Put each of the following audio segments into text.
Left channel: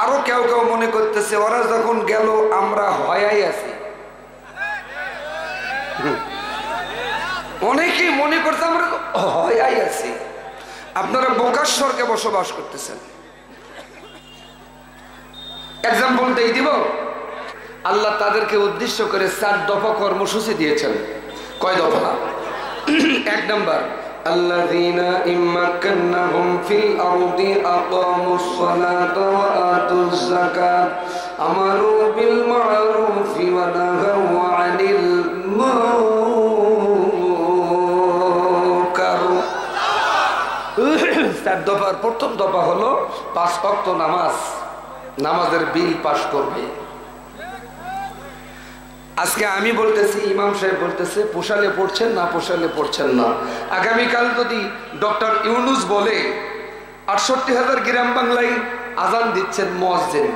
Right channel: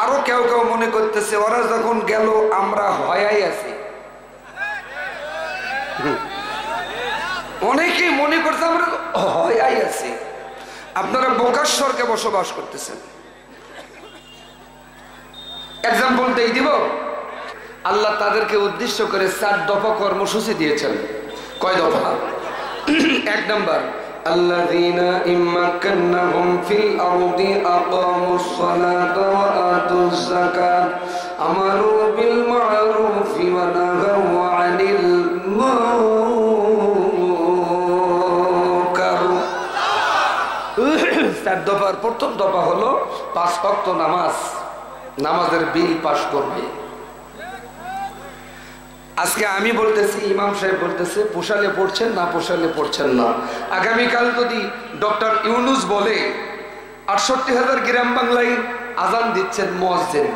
আরো কেউ কেউ মনে করতেছে ওরা যখন গেল আমরা হয়াই আছি। অনেকেই মনে করছে আমরা হয়াই আছি। আপনারা বোকাশ্বরকে বসবাস করতেছেন। এক্সাম্পল দেই দিব। আল্লাহ তাদেরকে উদ্দেশ্য করে 4 দফা কর্মসূচি দিয়েছেন। কয় দফা? 1 নাম্বার, আল্লাযীনা ইম্মাক্কান্নাহুম ফিল আরদি আকামুস সালাতা ওয়া আতুজ যাকাত আমারু বিল মা'রুফি ওয়া নাহাউ আনিল মুনকার। 4 দফার প্রথম দফা হলো 5 ওয়াক্ত নামাজ, নামাজের বিল পাস করবে। আজকে আমি বলতেছি, ইমাম সাহেব বলতেছে পোষালে পড়ছেন না, পোষালে পড়ছেন না। আগামীকাল যদি ডক্টর ইউনুস বলে 68,000 গ্রাম বাংলায় আজান দিচ্ছেন মুয়াজ্জিন,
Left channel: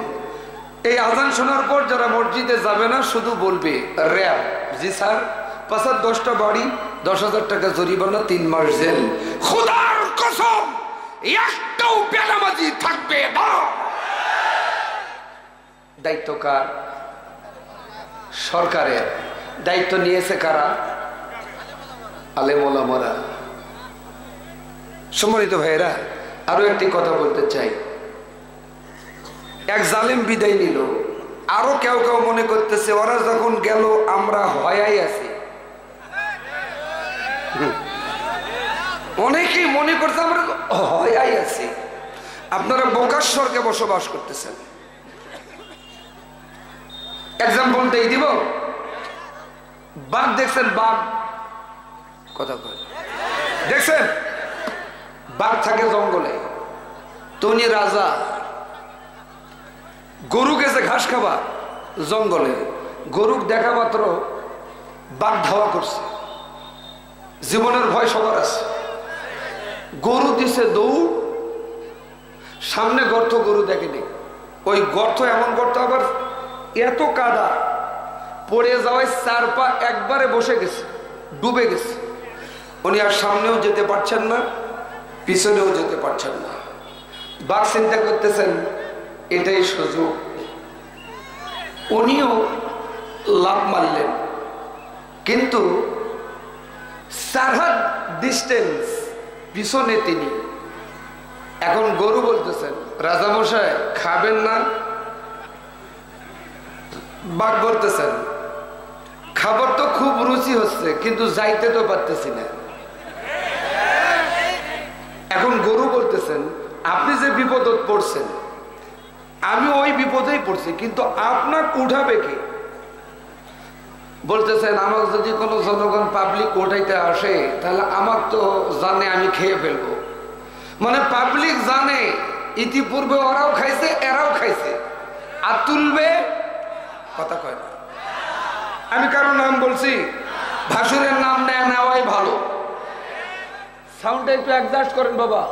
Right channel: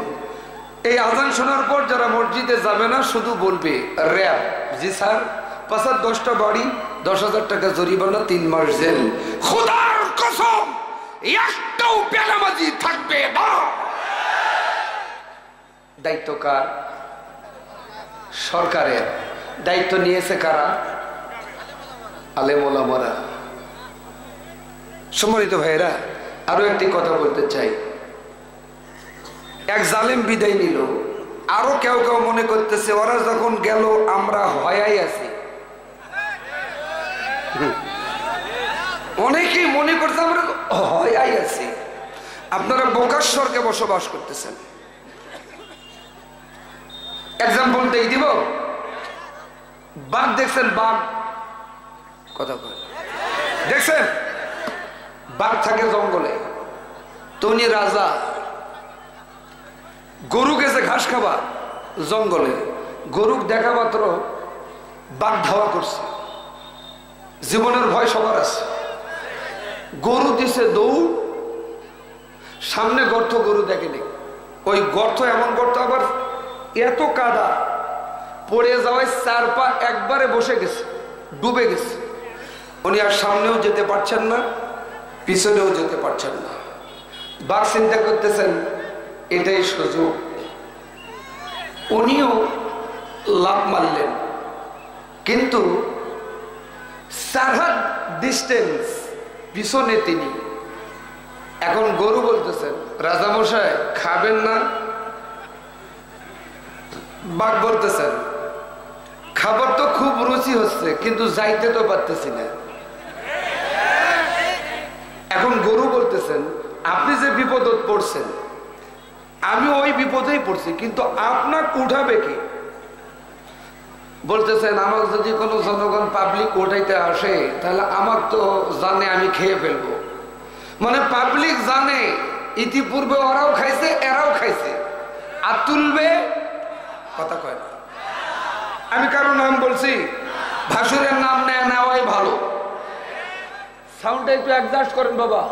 এই আজান শোনার পর যারা মসজিদে যাবে না শুধু বলবে র‍্যাব, জি স্যার 5-10টা বাড়ি 10,000 টাকা জরিমানা 3 মাস জেল। খোদার কসম একটাও বেনামাজি থাকবে না। দায়িত্ব কার? সরকারের। দায়িত্ব নিয়েছে কারা? আলেম ওলামারা। সম্মানিত ভাইয়েরা, আরো একটি কথা বলতে চাই। এক জালেম বিদায় নিল, আরো কেউ কেউ মনে করতেছে ওরা যখন গেল আমরা হয়াই আছি। অনেকেই মনে করছে আমরা হয়াই আছি। আপনারা বোকাশ্বরকে বসবাস করতেছেন। এক্সাম্পল দেই দিব। বাঘ দেখছেন? বাঘ কথা দেখছেন? বাঘ থাকে জঙ্গলে, তনি রাজা। গরু গেছে ঘাস খাবা জঙ্গলে, গরুক দেখা মাত্র বাঘ ধাওয়া করছে। জীবনের ভয় সবার আছে। গরু দিছে দৌড়, সামনে গর্ত, গরু দেখেনি। ওই গর্ত এমন গর্ত, আবার এত কাদা, পড়ে যাওয়ায় 4 পা একবারে বসে গেছে, ডুবে গেছে। উনি আর সামনেও যেতে পারছেন না, পিছনেও যেতে পারছেন না। বাঘ চিন্তা করতেছেন এটাই সুযোগ। উনিও লাফ মারলেন, কিন্তু 4 হাত ডিস্টেন্স পিছনে তিনি। এখন গরু বলতেছেন রাজামশাই খাবেন না? বাঘ বলতেছেন খাবার তো খুব রুচি হচ্ছে, কিন্তু যাইতে তো পারতেছি না। এখন গরু বলতেছেন আপনি যে বিপদে পড়ছেন, আমি ওই বিপদেই পড়ছি, কিন্তু আপনাকে উঠাবে কে? বলতেছেন আমার যদি কোনো জনগণ পাবলিক উঠাইতে আসে তাহলে আমার তো জানে আমি খেয়ে ফেলবো। মানে পাবলিক জানে ইতিপূর্বে ওরাও খাইছে, এরাও খাইছে, আর তুলবে কথা কয় না। আমি কারো নাম বলছি, ভাসুরের নাম নেওয়াই ভালো। সাউন্ডটা একটু অ্যাডজাস্ট করেন বাবা।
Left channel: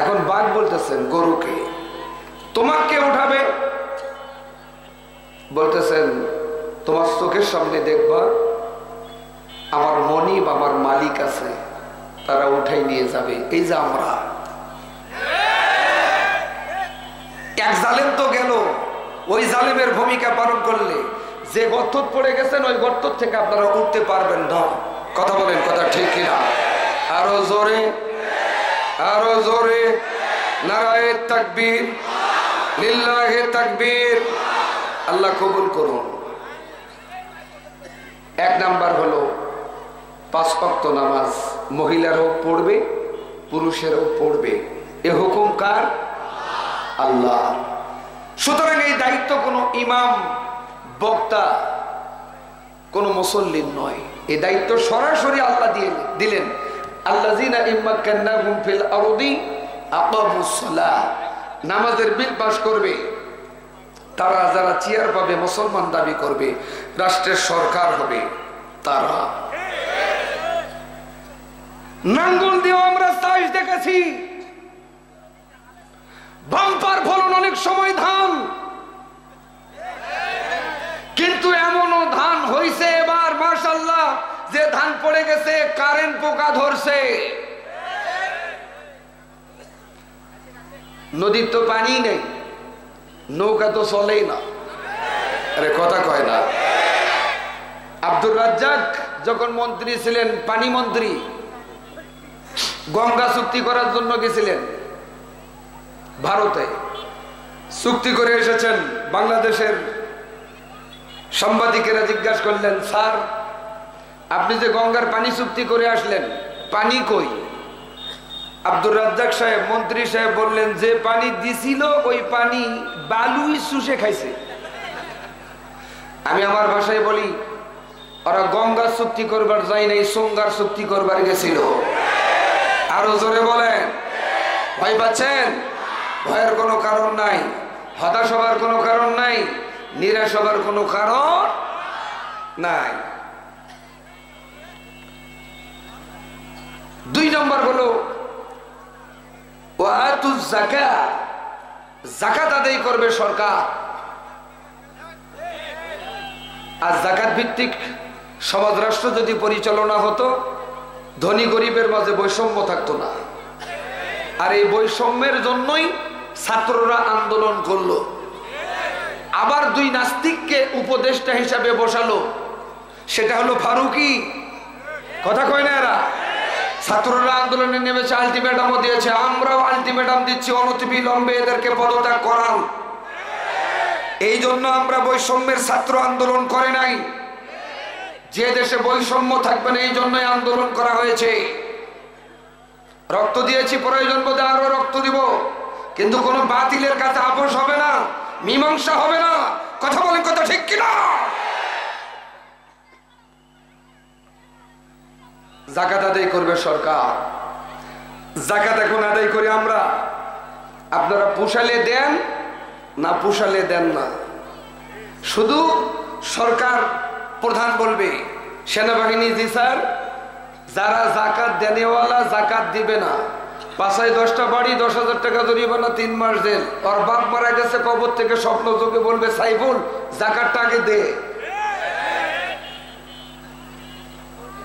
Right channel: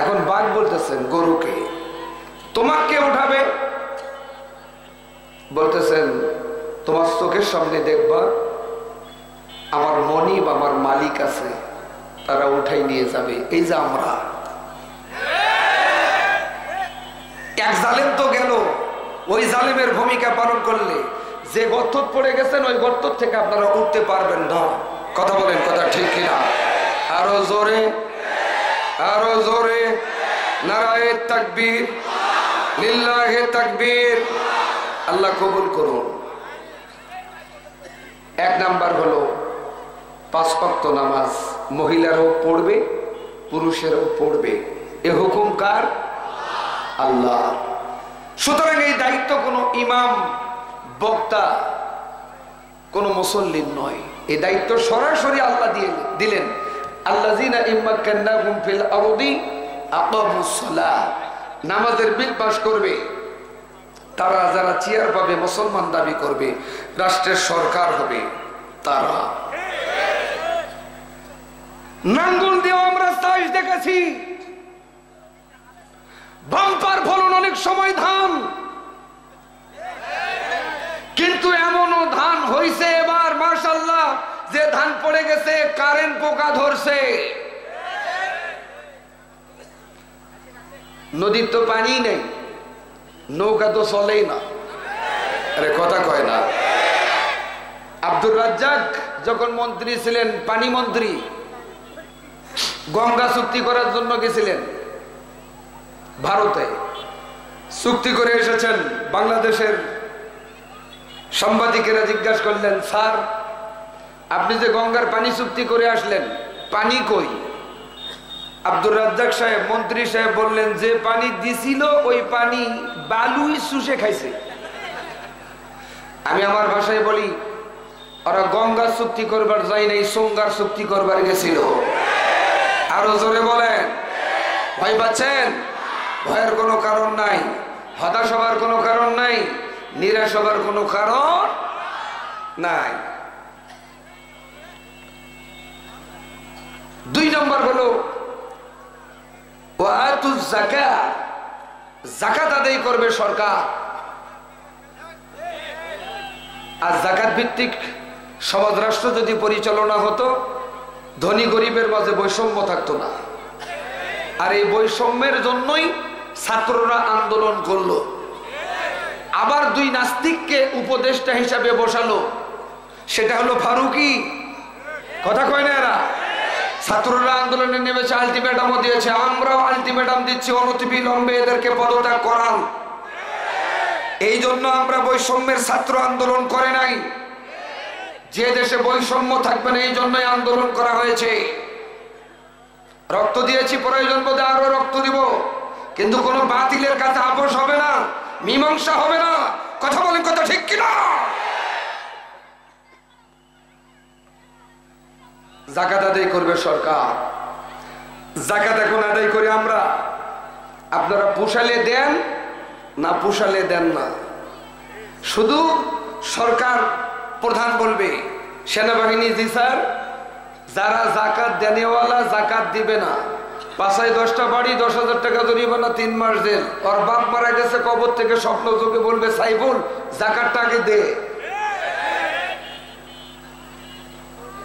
এখন বাঘ বলতেছেন গরুকে তোমাকে উঠাবে? বলতেছেন তোমার চোখের সামনে দেখবা আমার মনিব, আমার মালিক আছে, তারা উঠাই নিয়ে যাবে। এই যে আমরা, এক জালেম তো গেল, ওই জালেমের ভূমিকা পালন করলে যে গর্ত পড়ে গেছেন ওই গর্ত থেকে আপনারা উঠতে পারবেন না। কথা বলেন, কথা ঠিক কিনা? আরো জোরে, আরো জোরে। নারায়ে তাকবীর, লিল্লাহে তাকবীর। আল্লাহ কবুল করুন। 1 নাম্বার হলো 5 ওয়াক্ত নামাজ মহিলারাও পড়বে, পুরুষেরাও পড়বে। এ হুকুম কার? আল্লাহ। সুতরাং এই দায়িত্ব কোনো ইমাম, বক্তা, কোনো মুসল্লির নয়। এই দায়িত্ব সরাসরি আল্লাহ দিলেন। আল্লাযীনা ইম্মাক্কান্নাহুম ফিল আরদি আকামুস সালাহ, নামাজের বিল পাস করবে তারা, যারা চেয়ার পাবে, মুসলমান দাবি করবে, রাষ্ট্রের সরকার হবে তারা। নাঙ্গল দিয়ে আমরা চাষ দেখেছি, বাম্পার ফলন অনেক সময় ধান, কিন্তু এমনও ধান হইছে এবার মাশাআল্লাহ যে ধান পড়ে গেছে কারেন্ট পোকা ধরছে। নদীর তো পানি নেই, নৌকা তো চলেই না। আরে কথা কয় না। আব্দুর রাজ্জাক যখন মন্ত্রী ছিলেন, পানি মন্ত্রী, গঙ্গা চুক্তি করার জন্য গেছিলেন ভারতে। চুক্তি করে এসেছেন। বাংলাদেশের সাংবাদিকেরা জিজ্ঞাসা করলেন, স্যার আপনি যে গঙ্গার পানি চুক্তি করে আসলেন, পানি কই? আব্দুর রাজ্জাক সাহেব, মন্ত্রী সাহেব বললেন, যে পানি দিছিল ওই পানি বালুই শুষে খাইছে। আমি আমার ভাষায় বলি, ওরা গঙ্গার চুক্তি করবার যায় নাই, সঙ্গার চুক্তি করবার গেছিল। আরো জোরে বলেন। ভয় পাচ্ছেন? ভয়ের কোনো কারণ নাই, হতাশ হবার কোনো কারণ নাই, নিরাশ হবার কোনো কারণ নাই। 2 নম্বর হলো ওয়াতুজ যাকাত, যাকাত আদায় করবে সরকার। আর যাকাত ভিত্তিক সমাজ রাষ্ট্র যদি পরিচালনা হতো, ধনী গরিবের মাঝে বৈষম্য থাকতো না। আর এই বৈষম্যের জন্যই ছাত্ররা আন্দোলন করলো। আবার 2 নাস্তিককে উপদেষ্টা হিসাবে বসালো, সেটা হলো ফারুকি। কথা কয় না এরা? ছাত্ররা আন্দোলনে নেমেছে, আলটিমেটামও দিয়েছে, আমরাও আলটিমেটাম দিচ্ছি, অনতিবিলম্বে এদেরকে পদত্যাগ করান। এই জন্য আমরা বৈষম্যের ছাত্র আন্দোলন করে নাই। যে দেশে বৈষম্য থাকবে না, এই জন্যই আন্দোলন করা হয়েছে। রক্ত দিয়েছি, প্রয়োজন বোধে আরো রক্ত দিব, কিন্তু কোন বাতিলের কাছে আপোষ হবে না, মীমাংসা হবে না। কথা বলেন, কথা ঠিক কিনা? যাকাত আদায় করবে সরকার। যাকাত এখন আদায় করি আমরা। আপনারা পোষালে দেন না পোষালে দেন না, শুধু সরকার প্রধান বলবে, সেনাবাহিনী জি স্যার, যারা যাকাত দেনেওয়ালা যাকাত দিবে না, 5-10টা বাড়ি, 10,000 টাকা জরিমানা, 3 মাস জেল। ওর বাপ মারা গেছে, কবর থেকে স্বপ্ন যোগে বলবে, সাইফুল যাকাতটা আগে দে।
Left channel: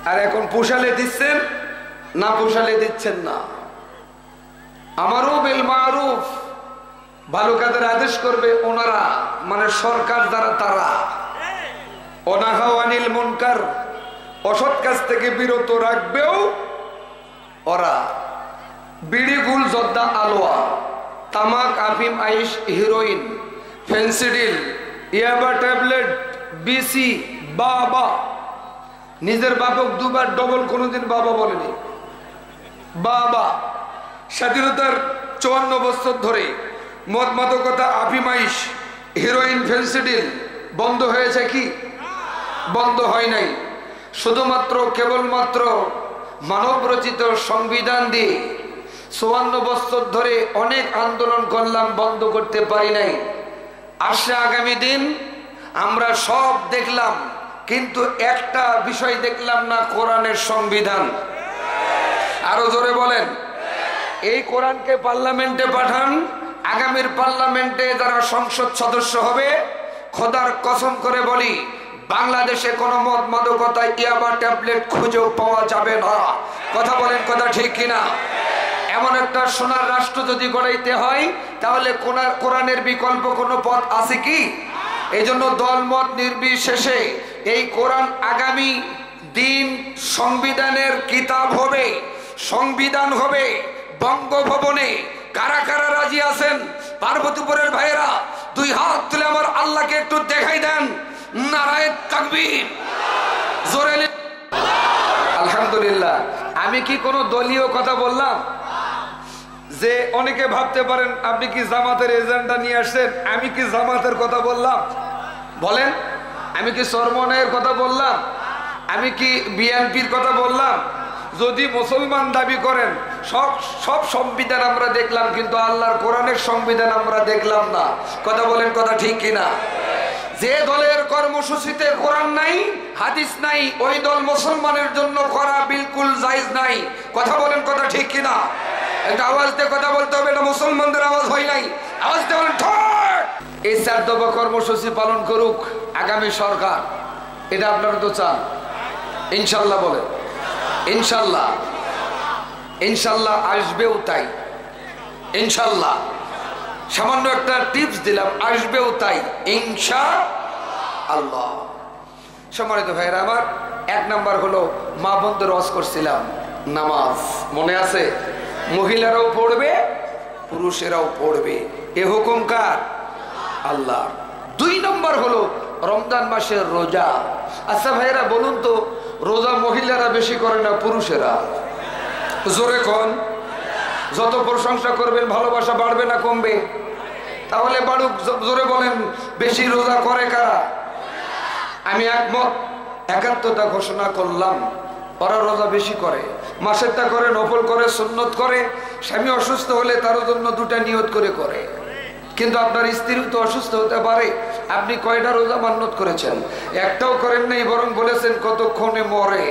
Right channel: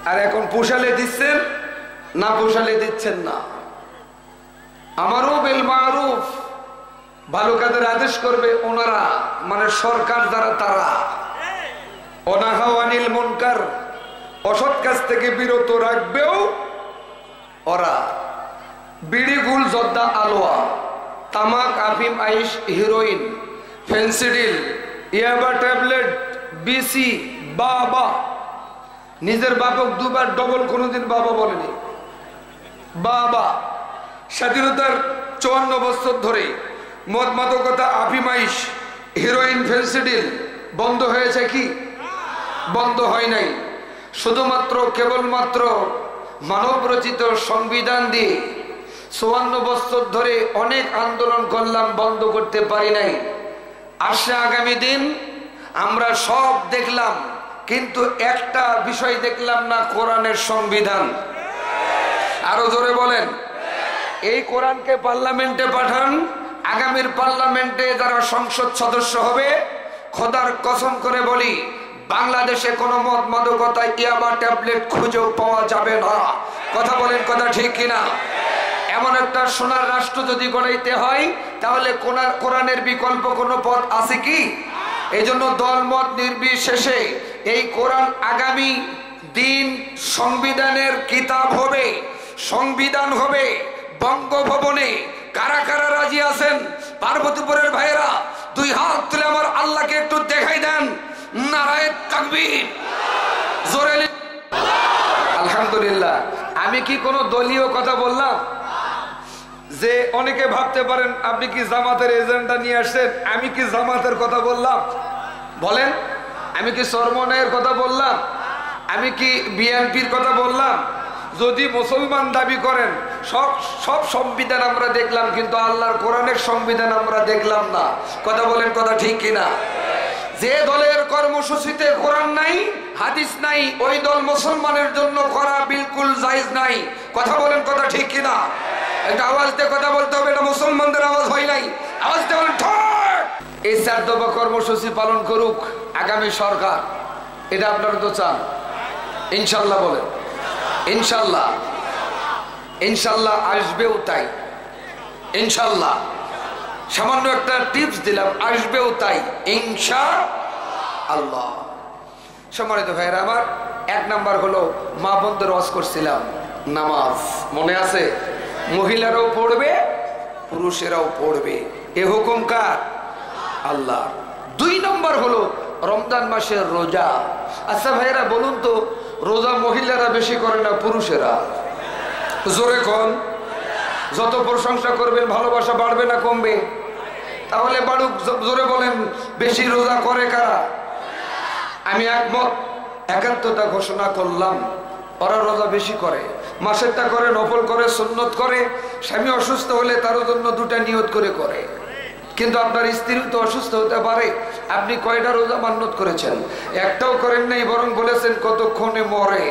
আর এখন পোষালে দিচ্ছেন না পোষালে দিচ্ছেন না। আমারও বিল মারুফ, ভালো কাজের আদেশ করবে ওনারা, মানে সরকার যারা, তারা অনাহা আনিল মুনকার, অসৎ কাজ থেকে বিরত রাখবেও ওরা। বিড়ি, গুল, জর্দা, আলোয়া, তামাক, আফিম, আইস, হিরোইন, ফেন্সিডিল, ইয়াবা ট্যাবলেট, বিসি, বাবা। নিজের বাপক 2 বার ডবল কোনোদিন বাবা বলেনি। বাবা স্বাধীনতার 54 বছর ধরে মদ মাদকতা, আফিম, আইস, হিরোইন, ফেন্সিডিল বন্ধ হয়েছে কি? বন্ধ হয় নাই। শুধুমাত্র কেবলমাত্র মানব রচিত সংবিধান দিয়ে 54 বছর ধরে অনেক আন্দোলন করলাম, বন্ধ করতে পারি নাই। আসলে আগামী দিন আমরা সব দেখলাম, কিন্তু একটা বিষয় দেখলাম না, কোরআনের সংবিধান। আরো জোরে বলেন। এই কোরআনকে পার্লামেন্টে পাঠান, আগামীর পার্লামেন্টে যারা সংসদ সদস্য হবে, খোদার কসম করে বলি, বাংলাদেশে কোনো মদ মাদকতা, ইয়াবা ট্যাবলেট খুঁজেও পাওয়া যাবে না। কথা বলেন, কথা ঠিক কিনা? এমন একটা সোনার রাষ্ট্র যদি গড়াইতে হয়, তাহলে কোরআনের বিকল্প কোনো পথ আছে কি? এই জন্য দলমত নির্বিশেষে এই কোরআন আগামী দিন সংবিধানের কিতাব হবে, সংবিধান হবে। বঙ্গভবনে কারা কারা রাজি আছেন? পার্বতীপুরের ভাইয়েরা 2 হাত তুলে আমার আল্লাহকে একটু দেখাই দেন। নারায়ে তাকবীর, জোরে আলহামদুলিল্লাহ। আমি কি কোনো দলীয় কথা বললাম? যে অনেকে ভাবতে পারেন আপনি কি জামাতের এজেন্ডা নিয়ে আসছেন। আমি কি জামাতের কথা বললাম? বলেন। আমি কি চরমনাইয়ের কথা বললাম? আমি কি বিএনপির কথা বললাম? যদি মুসলমান দাবি করেন, সব সংবিধান আমরা দেখলাম, কিন্তু আল্লাহর কোরআনের সংবিধান আমরা দেখলাম না। কথা বলেন, কথা ঠিক কিনা? যে দলের কর্মসূচিতে কোরআন নাই, হাদিস নাই, ওই দল মুসলমানের জন্য করা বিলকুল জায়েজ নাই। কথা বলেন, কথা ঠিক কিনা? একটা আওয়াজ দিয়ে কথা বলতে হবে, এটা মুসলমানদের আওয়াজ হয় নাই। আওয়াজ দিয়ে বলেন ঠিক। এই 4 দফা কর্মসূচি পালন করুক আগামী সরকার, এটা আপনারা তো চান। ইনশাল্লাহ বলেন, ইনশাল্লাহ। ইনশাল্লাহ আসবেও তাই, ইনশাল্লাহ। সামান্য একটা টিপস দিলাম, আসবেও তাই ইনশাআল্লাহ। সম্মানিত ভাইরা আমার, 1 নাম্বার হলো মা বোনদের ওয়াজ করছিলাম নামাজ, মনে আছে? মহিলারাও পড়বে, পুরুষেরাও পড়বে, এ হুকুম কার? আল্লাহ। 2 নম্বর হলো রমজান মাসের রোজা। আচ্ছা ভাইরা বলুন তো, রোজা মহিলারা বেশি করে না পুরুষেরা? জোরে কোন? যত প্রশংসা করবেন ভালোবাসা বাড়বে না কমবে? তাহলে বাড়ুক, জোরে বলেন, বেশি রোজা করে কারা? আমি একমত, একাত্মতা ঘোষণা করলাম, ওরা রোজা বেশি করে, মাসেরটা করে, নফল করে, সুন্নত করে। স্বামী অসুস্থ হলে তার জন্য 2টা নিয়ত করে করে। কিন্তু আপনার স্ত্রীও তো অসুস্থ হতে পারে। আপনি কয়টা রোজা মান্নত করেছেন? একটাও করেন নাই, বরং বলেছেন কতক্ষণে মরে,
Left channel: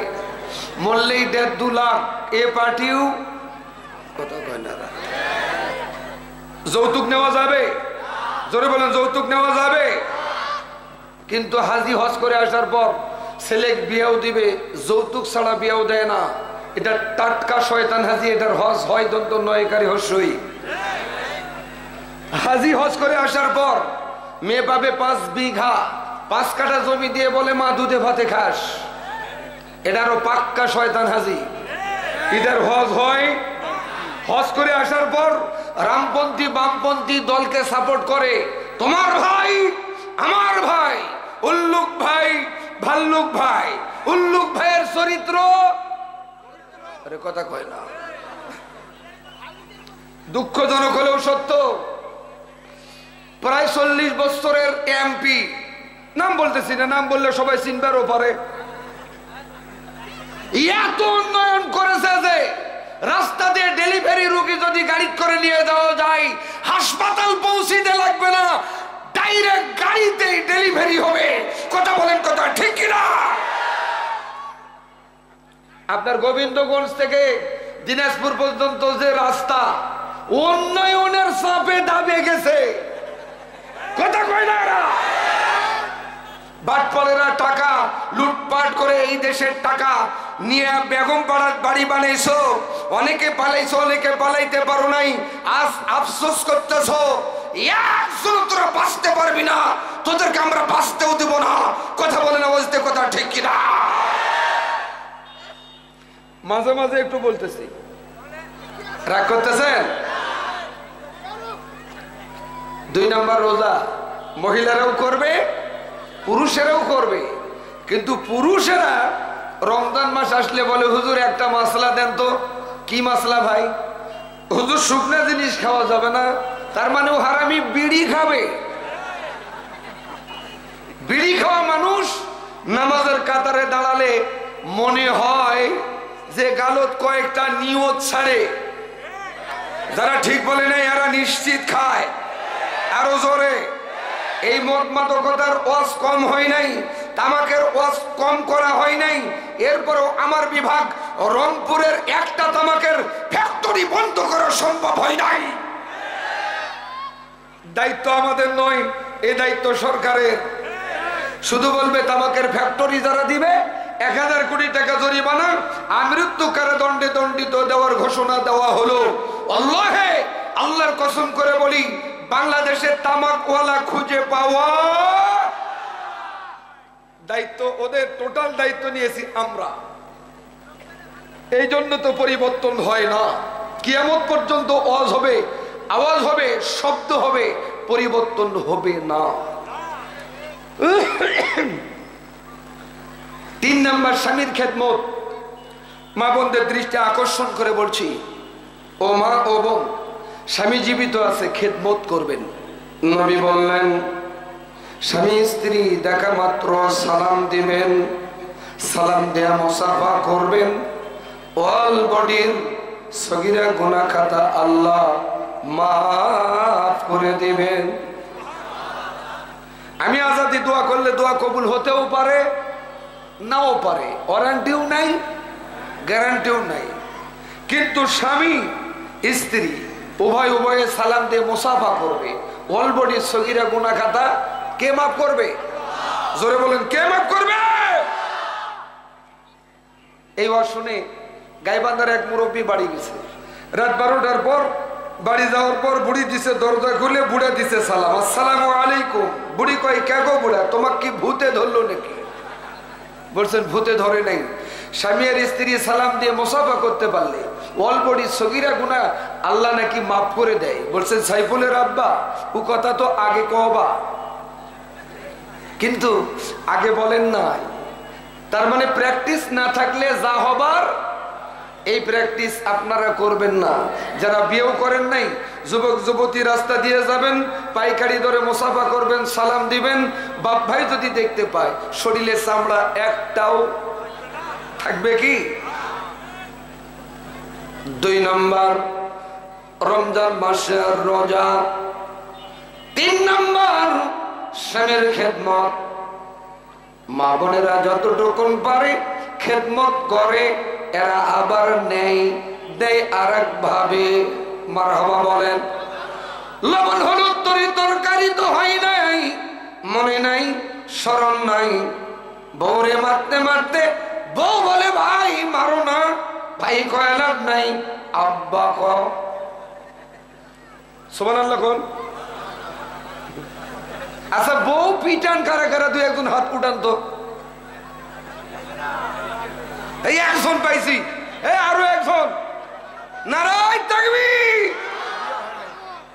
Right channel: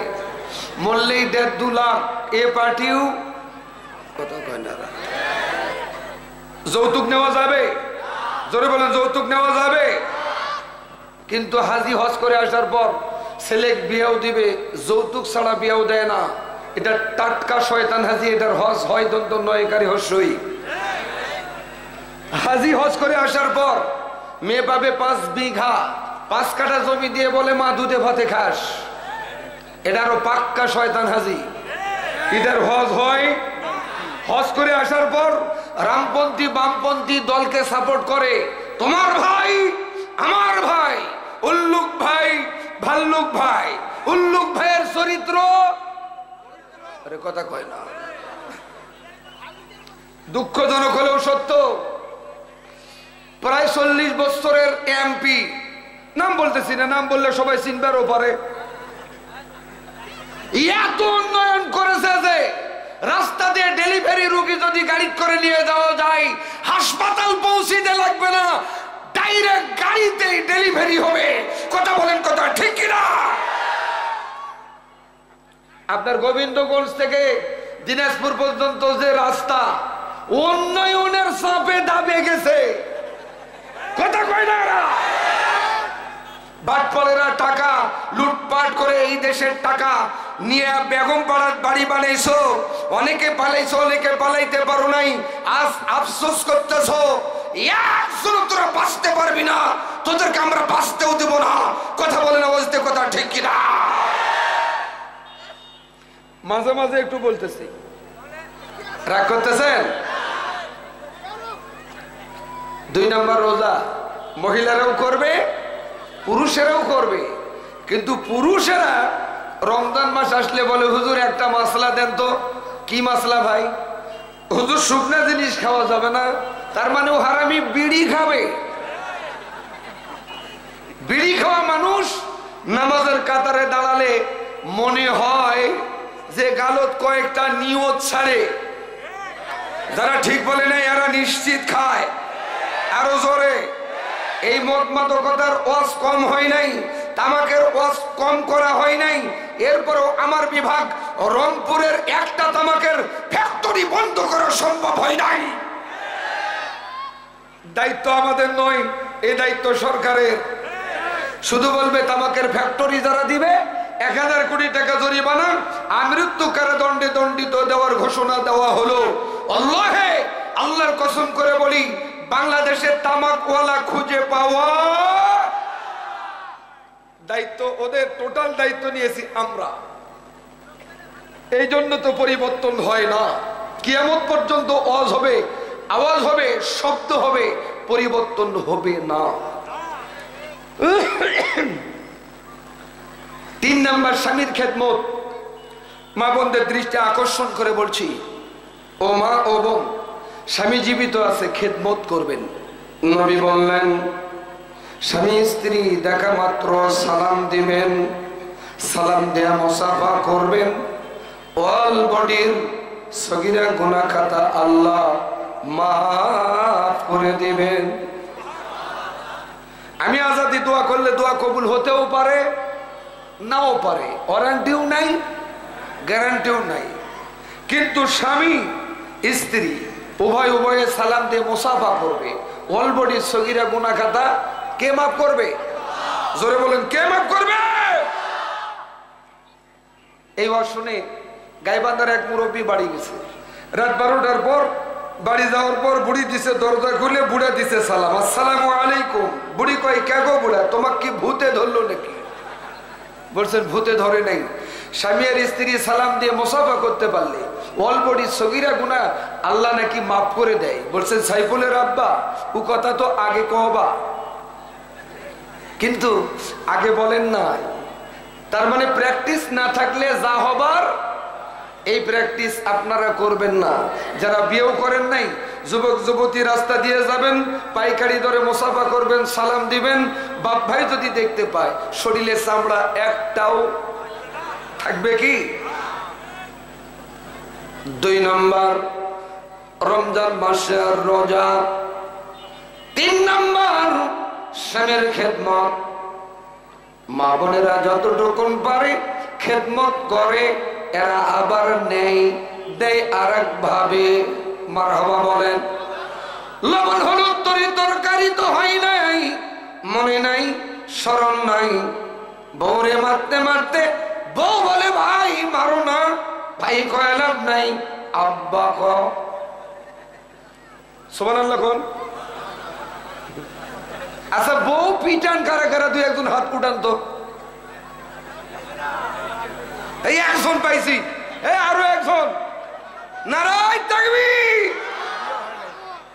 মরলেই 1.5-2 লাখ। এ পার্টিও কত কয় না। যৌতুক নেওয়া যাবে? জোরে বলেন, যৌতুক নেওয়া যাবে? কিন্তু হাজি হজ করে আসার পর ছেলে বিয়াও দিবে, যৌতুক ছাড়া বিয়াও দেয় না। এটা টাটকা শয়তান হাজি, এটার হজ হয় দন্ত নয়কারী হস্যই। হাজি হজ করে আসার পর মেয়ে পাবে 5 বিঘা, 5 কাঠা জমি দিয়ে বলে মা দুধে ভাতে খাস। এটারও পাক্কা শয়তান হাজি, এটার হজ হয়। হজ করে আসার পর রামপন্থী বামপন্থী দলকে সাপোর্ট করে। তোমার ভাই, আমার ভাই, উল্লুক ভাই, ভাল্লুক ভাই। উল্লুক ভাইয়ের চরিত্র, আরে কথা কয় না, দুঃখজনক হলেও সত্য। প্রায় 40 বছরের এমপি, নাম বলতেছি না, নাম বললে সবাই চিনবারও পারে, এত উন্নয়ন করেছে যে রাস্তা দিয়ে ডেলিভারি রোগী যদি গাড়ি করে নিয়ে যাওয়া যায়, হাসপাতাল পৌঁছিতে লাগবে না, ডাইরেক্ট গাড়িতেই ডেলিভারি হবে। কথা বলেন, কথা ঠিক কিনা? আপনার গোবিন্দগঞ্জ থেকে দিনাজপুর পর্যন্ত যে রাস্তা উন্নয়নের চাপে দাবে গেছে, কথা কয় না? বাটপালেরা টাকা লুটপাট করে এই দেশের টাকা নিয়ে বেগম পাড়ার বাড়ি বানাইছো। অনেকে পালাইছো, অনেকে পালাইতে পারো নাই। আজ আফসোস করতেছো, একজন তোরা বাঁচতে পারবি না, তোদেরকে আমরা বাঁচতেও দিব না। কথা বলে না, বলতে কথা ঠিক কিনা? মাঝে মাঝে একটু বলতেছি, রাগ করতেছেন? 2 নম্বর রোজা মহিলারাও করবে, পুরুষেরাও করবে। কিন্তু পুরুষেরা রমজান মাস আসলে বলে, হুজুর একটা মশলা দেন তো। কি মশলা ভাই? হুজুর শুকনা জিনিস খাওয়া যাবে না। তার মানে ও হারামি বিড়ি খাবে। বিড়ি খাওয়া মানুষ নামাজের কাতারে দাঁড়ালে মনে হয় যে গালত কয়েকটা নিয়ত ছাড়ে। যারা ঠিক বলে নাই এরা নিশ্চিত খায়। আরো জোরে, এই মদ মাদকতার ওয়াজ কম হয় নাই, তামাকের ওয়াজ কম করা হয় নাই। এরপরও আমার বিভাগ রংপুরের একটা তামাকের ফ্যাক্টরি বন্ধ করা সম্ভব হয় নাই। দায়িত্ব আমাদের নয়, এই দায়িত্ব সরকারের। শুধু বলবে তামাকের ফ্যাক্টরি যারা দিবে 1000 কোটি টাকা জরিমানা, আমৃত্যু কারাদণ্ডে দণ্ডিত দেওয়ার ঘোষণা দেওয়া হলো। আল্লাহে, আল্লাহর কসম করে বলি, বাংলাদেশের তামাকওয়ালা খুঁজে পাওয়া দায়িত্ব ওদের, টোটাল দায়িত্ব নিয়েছি আমরা। এই জন্য তো পরিবর্তন হয় না। কিয়ামত পর্যন্ত আওয়াজ হবে, আওয়াজ হবে, শব্দ হবে, পরিবর্তন হবে না। 3 নম্বর স্বামীর খেদমত। মা বোনদের দৃষ্টি আকর্ষণ করে বলছি, ও মা ও বোন, স্বামী জীবিত আছে, খেদমত করবেন। নবী বললেন, স্বামী স্ত্রী দেখা মাত্র সালাম দিবেন, সালাম দেয়া মুসাফা করবেন। অল বডির সগীরা গুনাহ খাতা আল্লাহ মাফ করে দিবেন। আমি আজাদি দোয়া করলে দোয়া কবুল হতেও পারে, নাও পারে, ওয়ারেন্টিও নাই, গ্যারান্টিও নাই। কিন্তু স্বামী স্ত্রী উভয় উভয়ে সালাম দিয়ে মুসাফা করবে। অল বডির সগীরা গুনাহ খাতা কে মাফ করবে? জোরে বলেন, কে মাফ করবে? এই ওয়াজ শুনে গাইবান্ধার এক মুরব্বী বাড়ি গেছে। রাত 12টার পর বাড়ি যাওয়ার পর বুড়ি দিছে দরজা খুলে, বুড়া দিছে সালাম, আসসালামু আলাইকুম। বুড়ি কয় কে গো বুড়া, তোমাকে কি ভূতে ধরলো নাকি? বলছেন ভূতে ধরে নাই, স্বামী আর স্ত্রী সালাম দিয়ে মুসাফা করতে পারলে অলবডি সগীরা গুনাহ আল্লাহ নাকি মাফ করে দেয়। বলছেন সাইফুলের আব্বা ও কথা তো আগে কবা, কিন্তু আগে বলেন না। তার মানে প্র্যাকটিস না থাকলে যা হবার এই প্র্যাকটিস আপনারা করবেন না। যারা বিয়েও করেন নাই, যুবক যুবতী রাস্তা দিয়ে যাবেন, পাইকারি দরে মুসাফা করবেন, সালাম দিবেন, বাপ ভাই যদি দেখতে পায় শরীরে চামড়া একটাও থাকবে কি? 2 নম্বর রমজান মাসের রোজা। 3 নম্বর স্বামীর খেদমত। মা বোনেরা যতটুকুন পারে খেদমত করে, এরা আবার নেই দেয় আরেক ভাবে। মারহাবা বলেন। লবণ হলুদ তরকারি তো হয় নাই, মনে নাই, স্মরণ নাই, বউরে মারতে মারতে বউ বলে ভাই মারো না, ভাই কয় লাভ নাই, আব্বা ক সুবহানাল্লাহ কোন। আচ্ছা বউ পিটান কারা কারা, 2-1 হাত উঠান তো। এই একজন পাইছি, এই আরো একজন। নারায় তাকবীর।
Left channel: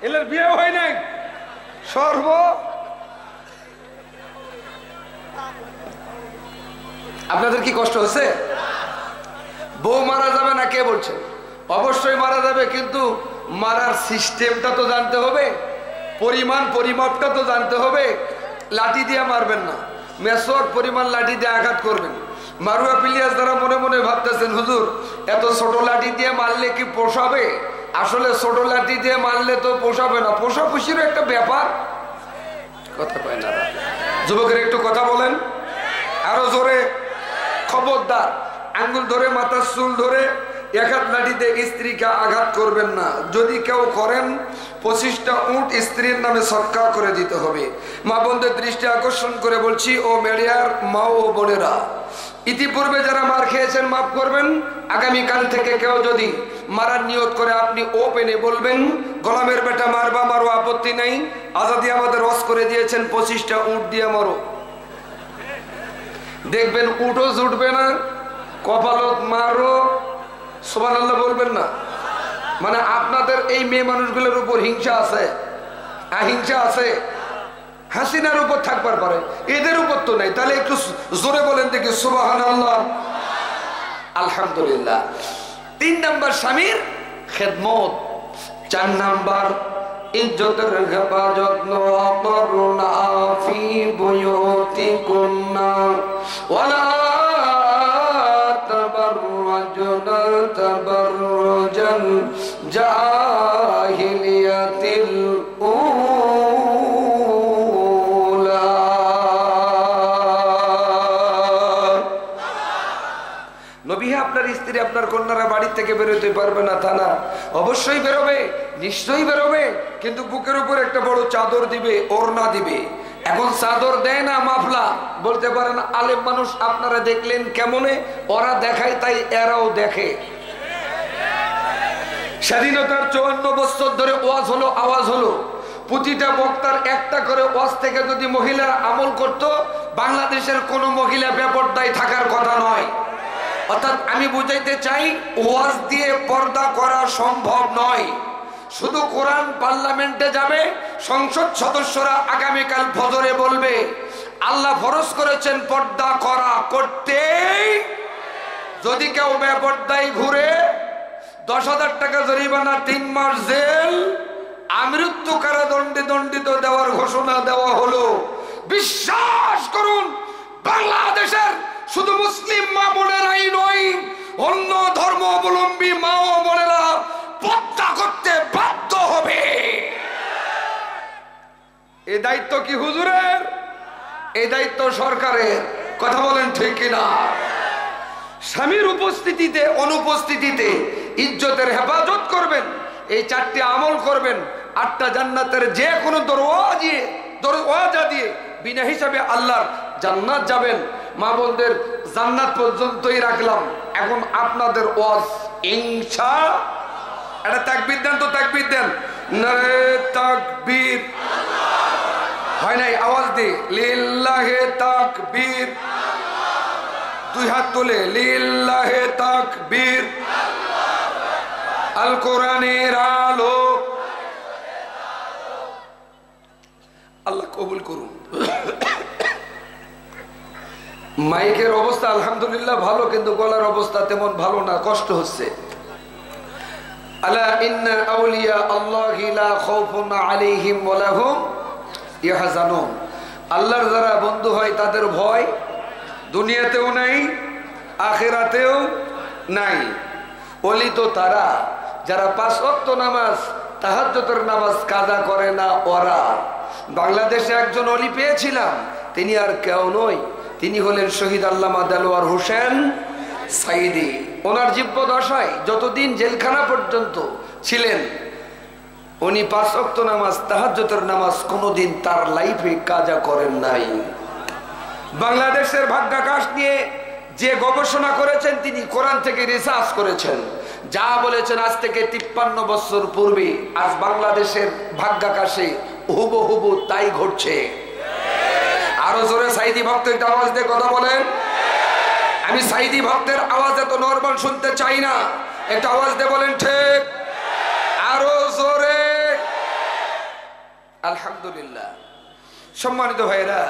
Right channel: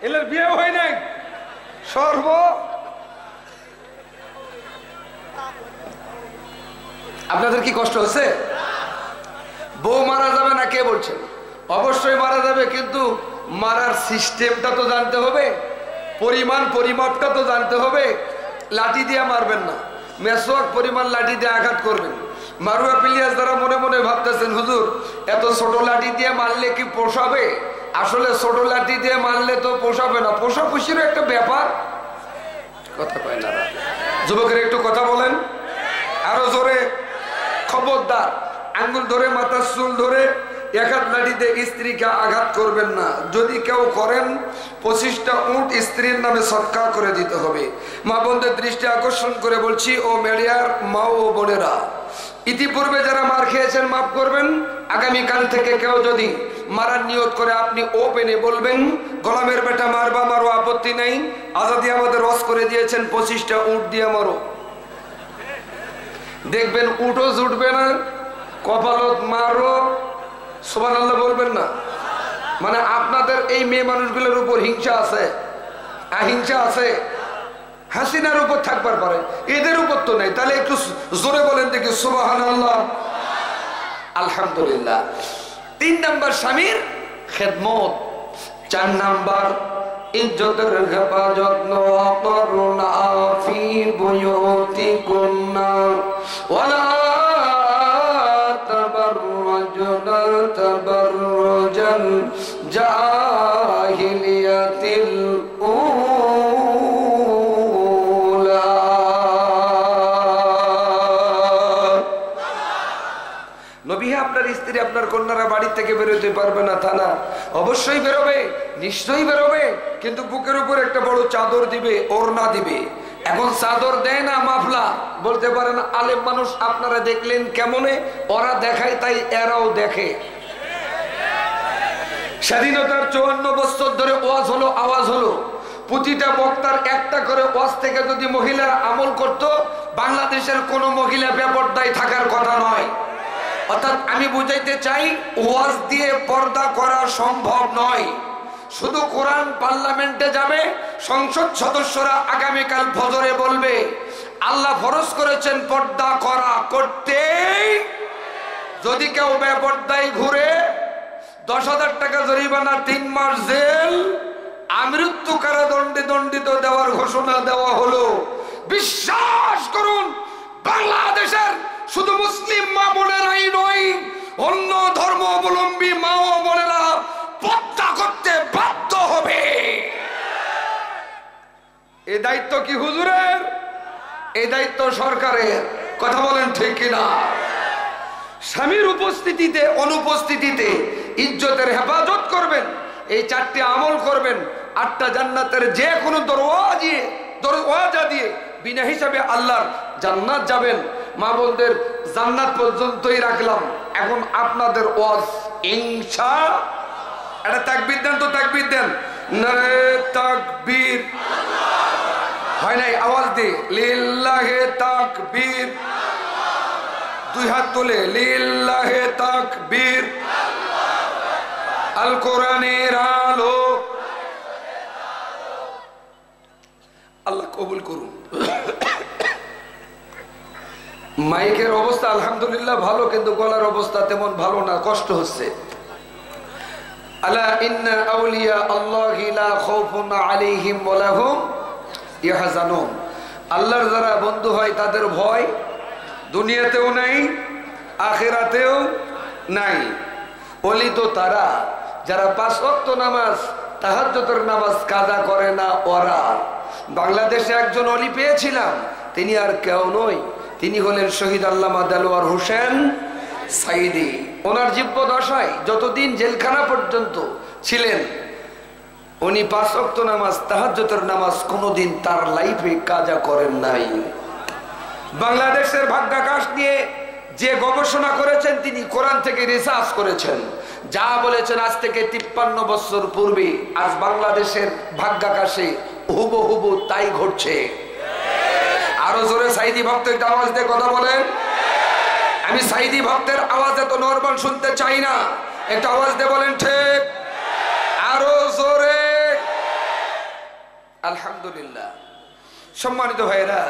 এলের বিয়ে হয় নাই সর্ব। আপনাদের কি কষ্ট হচ্ছে? বউ মারা যাবে না কে বলছে? অবশ্যই মারা যাবে, কিন্তু মারার সিস্টেমটা তো জানতে হবে, পরিমাপটা তো জানতে হবে। লাঠি দিয়ে মারবেন না, মেসওয়াক পরিমাণ লাঠি দিয়ে আঘাত করবেন। মারুয়া পিলিয়াস যারা মনে মনে ভাবতেছেন হুজুর এত ছোট লাঠি দিয়ে মারলে কি পোষাবে, আসলে ছোট লাঠি দিয়ে মারলে তো পোষাবে না, পোষাপুষির একটা ব্যাপার। কথা কয় না যুবকের, একটু কথা বলেন আরো জোরে। খবরদার আঙ্গুল ধরে মাথার চুল ধরে এক হাত লাঠিতে স্ত্রীকে আঘাত করবেন না। যদি কেউ করেন 25টা উট স্ত্রীর নামে সৎকার করে দিতে হবে। মা বোনদের দৃষ্টি আকর্ষণ করে বলছি, ও মেডিয়ার মা ও বোনেরা, ইতিপূর্বে যারা মার খেয়েছেন মাফ করবেন। আগামীকাল থেকে কেউ যদি মারার নিয়ত করে আপনি ওপেনে বলবেন গোলামের বেটা মারবা মারো, আপত্তি নাই। আজাদি আমাদের রস করে দিয়েছেন 25টা উট দিয়ে মারো। দেখবেন উটও জুটবে না, কপালত মারো, সুবহানাল্লাহ বলবেন না। মানে আপনাদের এই মেয়ে মানুষগুলোর উপর হিংসা আছে, হিংসা আছে। হাসিনার উপর থাকবার পারে, এদের উপর তো নেই। তাহলে একটু জোরে বলেন দেখি সুবহানাল্লাহ, আলহামদুলিল্লাহ। 3 নম্বর স্বামীর খেদমত। 4 নম্বর ইজ্জতের হেফাজত করুনা ফি বুয়ুতিকুন্না ওয়ালা তাবাররুজনা তাবাররুজাল জাহিলিয়াতিল উলা। নবী হে, আপনার স্ত্রী আপনার কন্যারা বাড়ি থেকে বেরোতে পারবে না তা না, অবশ্যই বেরোবে, নিশ্চয়ই বেরোবে, কিন্তু বুকের উপর একটা বড় চাদর দিবে, ওড়না দিবে। এখন চাদর দেয় না মাফলা, বলতে পারেন আলেম মানুষ আপনারা দেখলেন কেমনে, ওরা দেখায় তাই এরাও দেখে। স্বাধীনতার 54 বছর ধরে ওয়াজ হলো, আওয়াজ হলো, প্রতিটা বক্তার একটা করে ওয়াজ থেকে যদি মহিলারা আমল করত, বাংলাদেশের কোন মহিলা বেপরদায় থাকার কথা নয়। অর্থাৎ আমি বুঝাইতে চাই ওয়াজ দিয়ে পর্দা করা সম্ভব নয়। শুধু কোরআন পার্লামেন্টে যাবে, সংসদ সদস্যরা আগামীকাল ফজরে বলবে আল্লাহ ফরজ করেছেন পর্দা করা, করতেই। যদি কেউ বেপর্দায় ঘুরে 10,000 টাকা জরিমানা, 3 মাস জেল, আমৃত্যু কারাদণ্ডে দণ্ডিত দেওয়ার ঘোষণা দেওয়া হলো। বিশ্বাস করুন, বাংলাদেশের শুধু মুসলিম মা বোনেরাই নয়, অন্য ধর্ম অবলম্বী মা ও বোনেরা পর্দা করতে বাধ্য হবে। এই দায়িত্ব কি হুজুরের? এই দায়িত্ব সরকারের। কথা বলেন ঠিক কিনা? স্বামীর উপস্থিতিতে অনুপস্থিতিতে ইজ্জতের হেফাজত করবেন, এই 4টি আমল করবেন, 8টা জান্নাতের যে কোনো দরওয়াজা দিয়ে বিনা হিসাবে আল্লাহর জান্নাত যাবেন। মা বোনদের জান্নাত পর্যন্তই রাখলাম। এখন আপনাদের ওয়াজ, এটা তাকবীর দেন তো, তাকবীর দেন। নারে তাকবীর। হয় নাই, আওয়াজ দে। লিল্লাহে তাকবীর। দুই হাত তুলে লিল্লাহে তাকবীর। আল কোরআনের আলো। আল্লাহ কবুল করুন। মাইকের অবস্থা আলহামদুলিল্লাহ ভালো, কিন্তু গলার অবস্থা তেমন ভালো না, কষ্ট হচ্ছে। আলা ইন্না আউলিয়া আল্লাহি লা খাউফুন আলাইহিম ওয়া লাহুম ইয়াহজানুন। আল্লাহর যারা বন্ধু হয় তাদের ভয় দুনিয়াতেও নাই, আখিরাতেও নাই। ওলি তো তারা যারা 5 ওয়াক্ত নামাজ, তাহাজ্জুদের নামাজ কাজা করে না ওরা। বাংলাদেশে একজন ওলি পেয়েছিলাম, তিনি আর কেউ নয়, তিনি হলেন শহীদ আল্লামা দেলোয়ার হোসেন সাইদি। ওনার জীবদ্দশায় যতদিন জেলখানা পর্যন্ত ছিলেন, উনি 5 ওয়াক্ত নামাজ, তাহাজ্জুদের নামাজ কোনোদিন তার লাইফে কাজা করেন নাই। বাংলাদেশের ভাগ্যাকাশ নিয়ে যে গবেষণা করেছেন, তিনি কোরআন থেকে রিসার্চ করেছেন। যা বলেছেন আজ থেকে 53 বছর পূর্বে, আজ বাংলাদেশের ভাগ্যাকাশে হুবহু তাই ঘটছে। আরো জোরে সাইদি ভক্ত একটা আওয়াজ দিয়ে কথা বলেন। আমি সাইদি ভক্তের আওয়াজ এত নরমাল শুনতে চাই না, একটা আওয়াজ দিয়ে বলেন ঠিক। আরো জোরে। আলহামদুলিল্লাহ। সম্মানিত ভাইরা,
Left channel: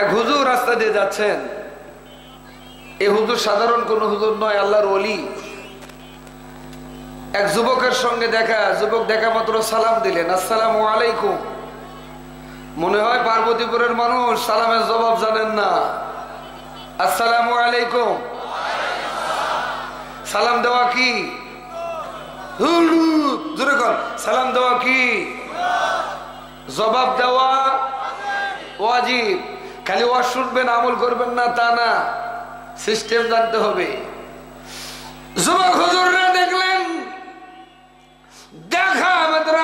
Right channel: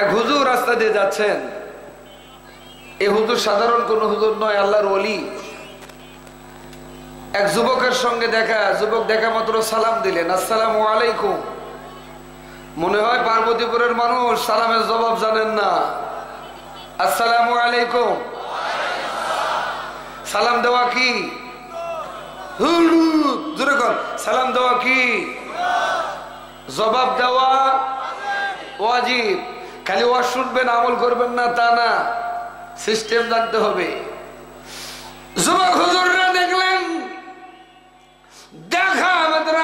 এক হুজুর রাস্তা দিয়ে যাচ্ছেন। এই হুজুর সাধারণ কোন হুজুর নয়, আল্লাহর ওলি। এক যুবকের সঙ্গে দেখা, যুবক দেখা মাত্র সালাম দিলেন, আসসালামু আলাইকুম। মনে হয় পার্বতীপুরের মানুষ সালামের জবাব জানেন না। আসসালামু আলাইকুম। সালাম দেওয়া কি? জোরে কর, সালাম দেওয়া কি? জবাব দেওয়া ওয়াজিব। খালি ওয়াজ শুনবেন, আমল করবেন না তা না, সিস্টেম জানতে হবে। যুবক হুজুররা দেখলেন, দেখা মাত্র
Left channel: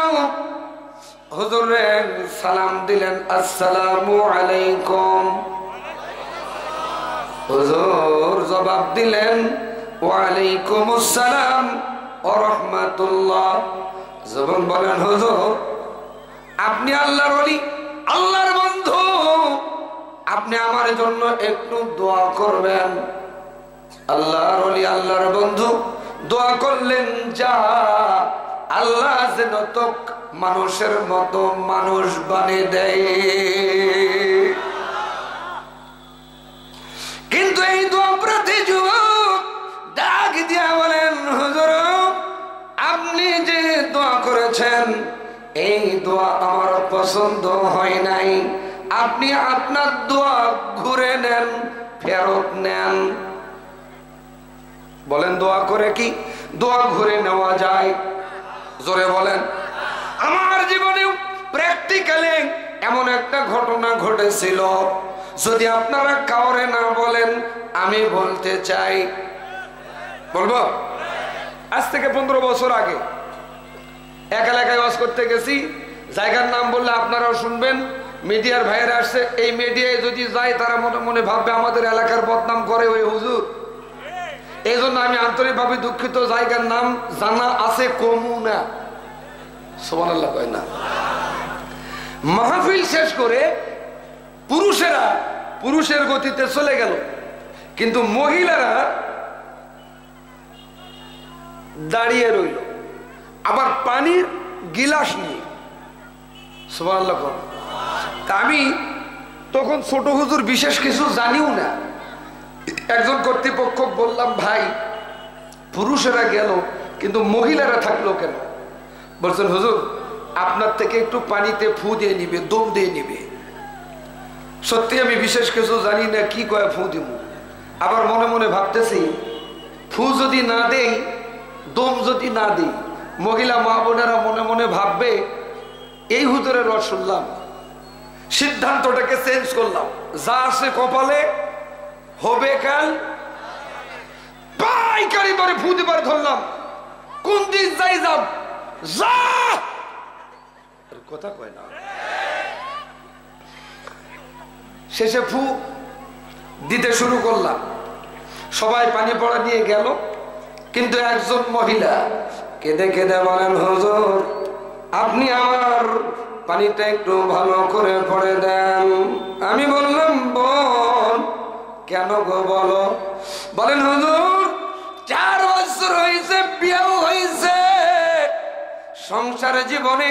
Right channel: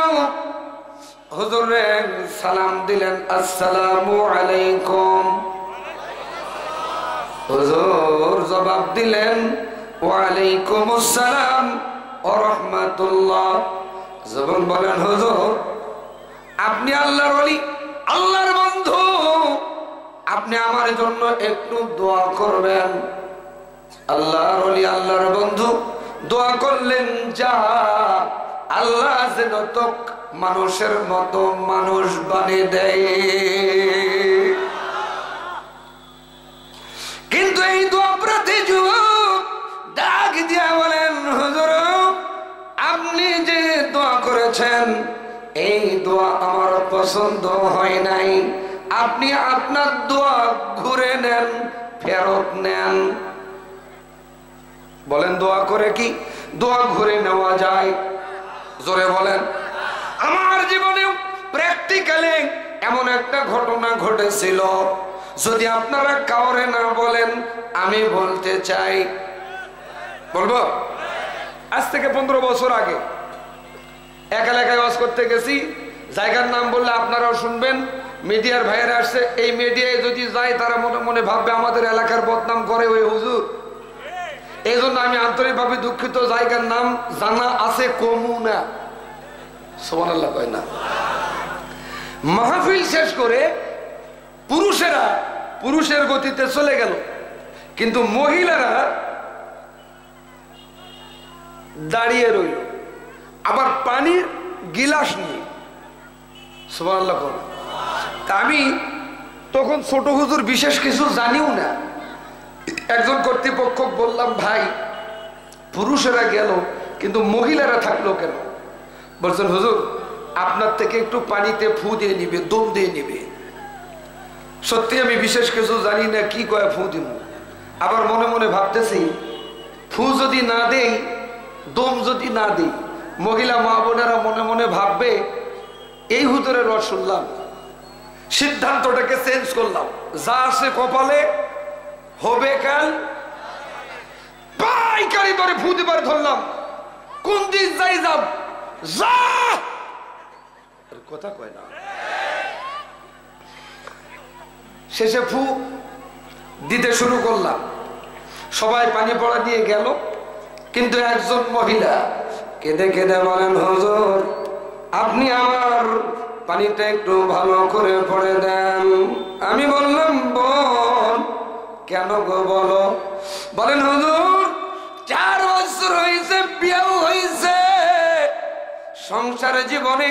হুজুরে সালাম দিলেন, আসসালামু আলাইকুম। হুজুর জবাব দিলেন, ওয়ালাইকুম আসসালাম ওয়া রাহমাতুল্লাহ। যুবক বলেন, হুজুর আপনি আল্লাহর ওলি, আল্লাহর বন্ধু, আপনি আমার জন্য একটু দোয়া করবেন। আল্লাহর ওলি, আল্লাহর বন্ধু দোয়া করলেন, যা আল্লাহ যেন তো মানুষের মতো মানুষ বানিয়ে দেয়। কিন্তু এই দোয়া প্রতি যুবক ডাক দিয়া বলেন, হুজুর আপনি যে দোয়া করেছেন, এই দোয়া আমার পছন্দ হয় নাই। আপনি আপনার দোয়া ঘুরে নেন, ফেরত নেন। বলেন দোয়া করে কি দোয়া ঘুরে নেওয়া যায়? জোরে বলেন। আমার জীবনেও প্র্যাকটিক্যালি এমন একটা ঘটনা ঘটেছিল, যদি আপনারা কাউরে না বলেন আমি বলতে চাই। বলবো? আজ থেকে 15 বছর আগে এক এলাকায় ওয়াজ করতে গেছি। জায়গার নাম বললে আপনারাও শুনবেন, মিডিয়ার ভাইয়েরা আসছে। এই মিডিয়ায় যদি যায় তারা মনে মনে ভাববে আমাদের এলাকার বদনাম করে ওই হুজুর। এই জন্য আমি আন্তরিকভাবে দুঃখিত, জায়গার নাম জানা আছে কমু না। সুবহানাল্লাহ কয় না। মাহফিল শেষ করে পুরুষেরা পুরুষের গতিতে চলে গেল, কিন্তু মহিলারা দাঁড়িয়ে রইল, আবার পানির গিলাস নিয়ে। সুবহানাল্লাহ কয়। তা আমি তখন ছোট হুজুর, বিশেষ কিছু জানিও না। একজন কর্তৃপক্ষ বললাম, ভাই পুরুষেরা গেল কিন্তু মহিলারা থাকলো কেন? বলছেন হুজুর আপনার থেকে একটু পানিতে ফু দিয়ে নিবে, দম দিয়ে নিবে। সত্যি আমি বিশেষ কিছু জানি না, কি কয় ফু দিব। আবার মনে মনে ভাবতেছি, ফু যদি না দেই, দম যদি না দিই, মহিলা মা বোনেরা মনে মনে ভাববে এই হুজুরের রস শুনলাম। সিদ্ধান্তটাকে চেঞ্জ করলাম, যা আছে কপালে হবে কাল। পাইকারি ধরে ফু দিবার ধরলাম, কোন দিন যাই যাব যা, কথা কয় না। শেষে ফু দিতে শুরু করলাম। সবাই পানি পড়া দিয়ে গেল, কিন্তু একজন মহিলা কেঁদে কেঁদে বলেন, হুজুর আপনি আমার পানিটা একটু ভালো করে পড়ে দেন। আমি বললাম, বোন কেন গো বলো? বলেন, হুজুর 4 বছর হয়েছে, বিয়েও হয়েছে, সংসার জীবনে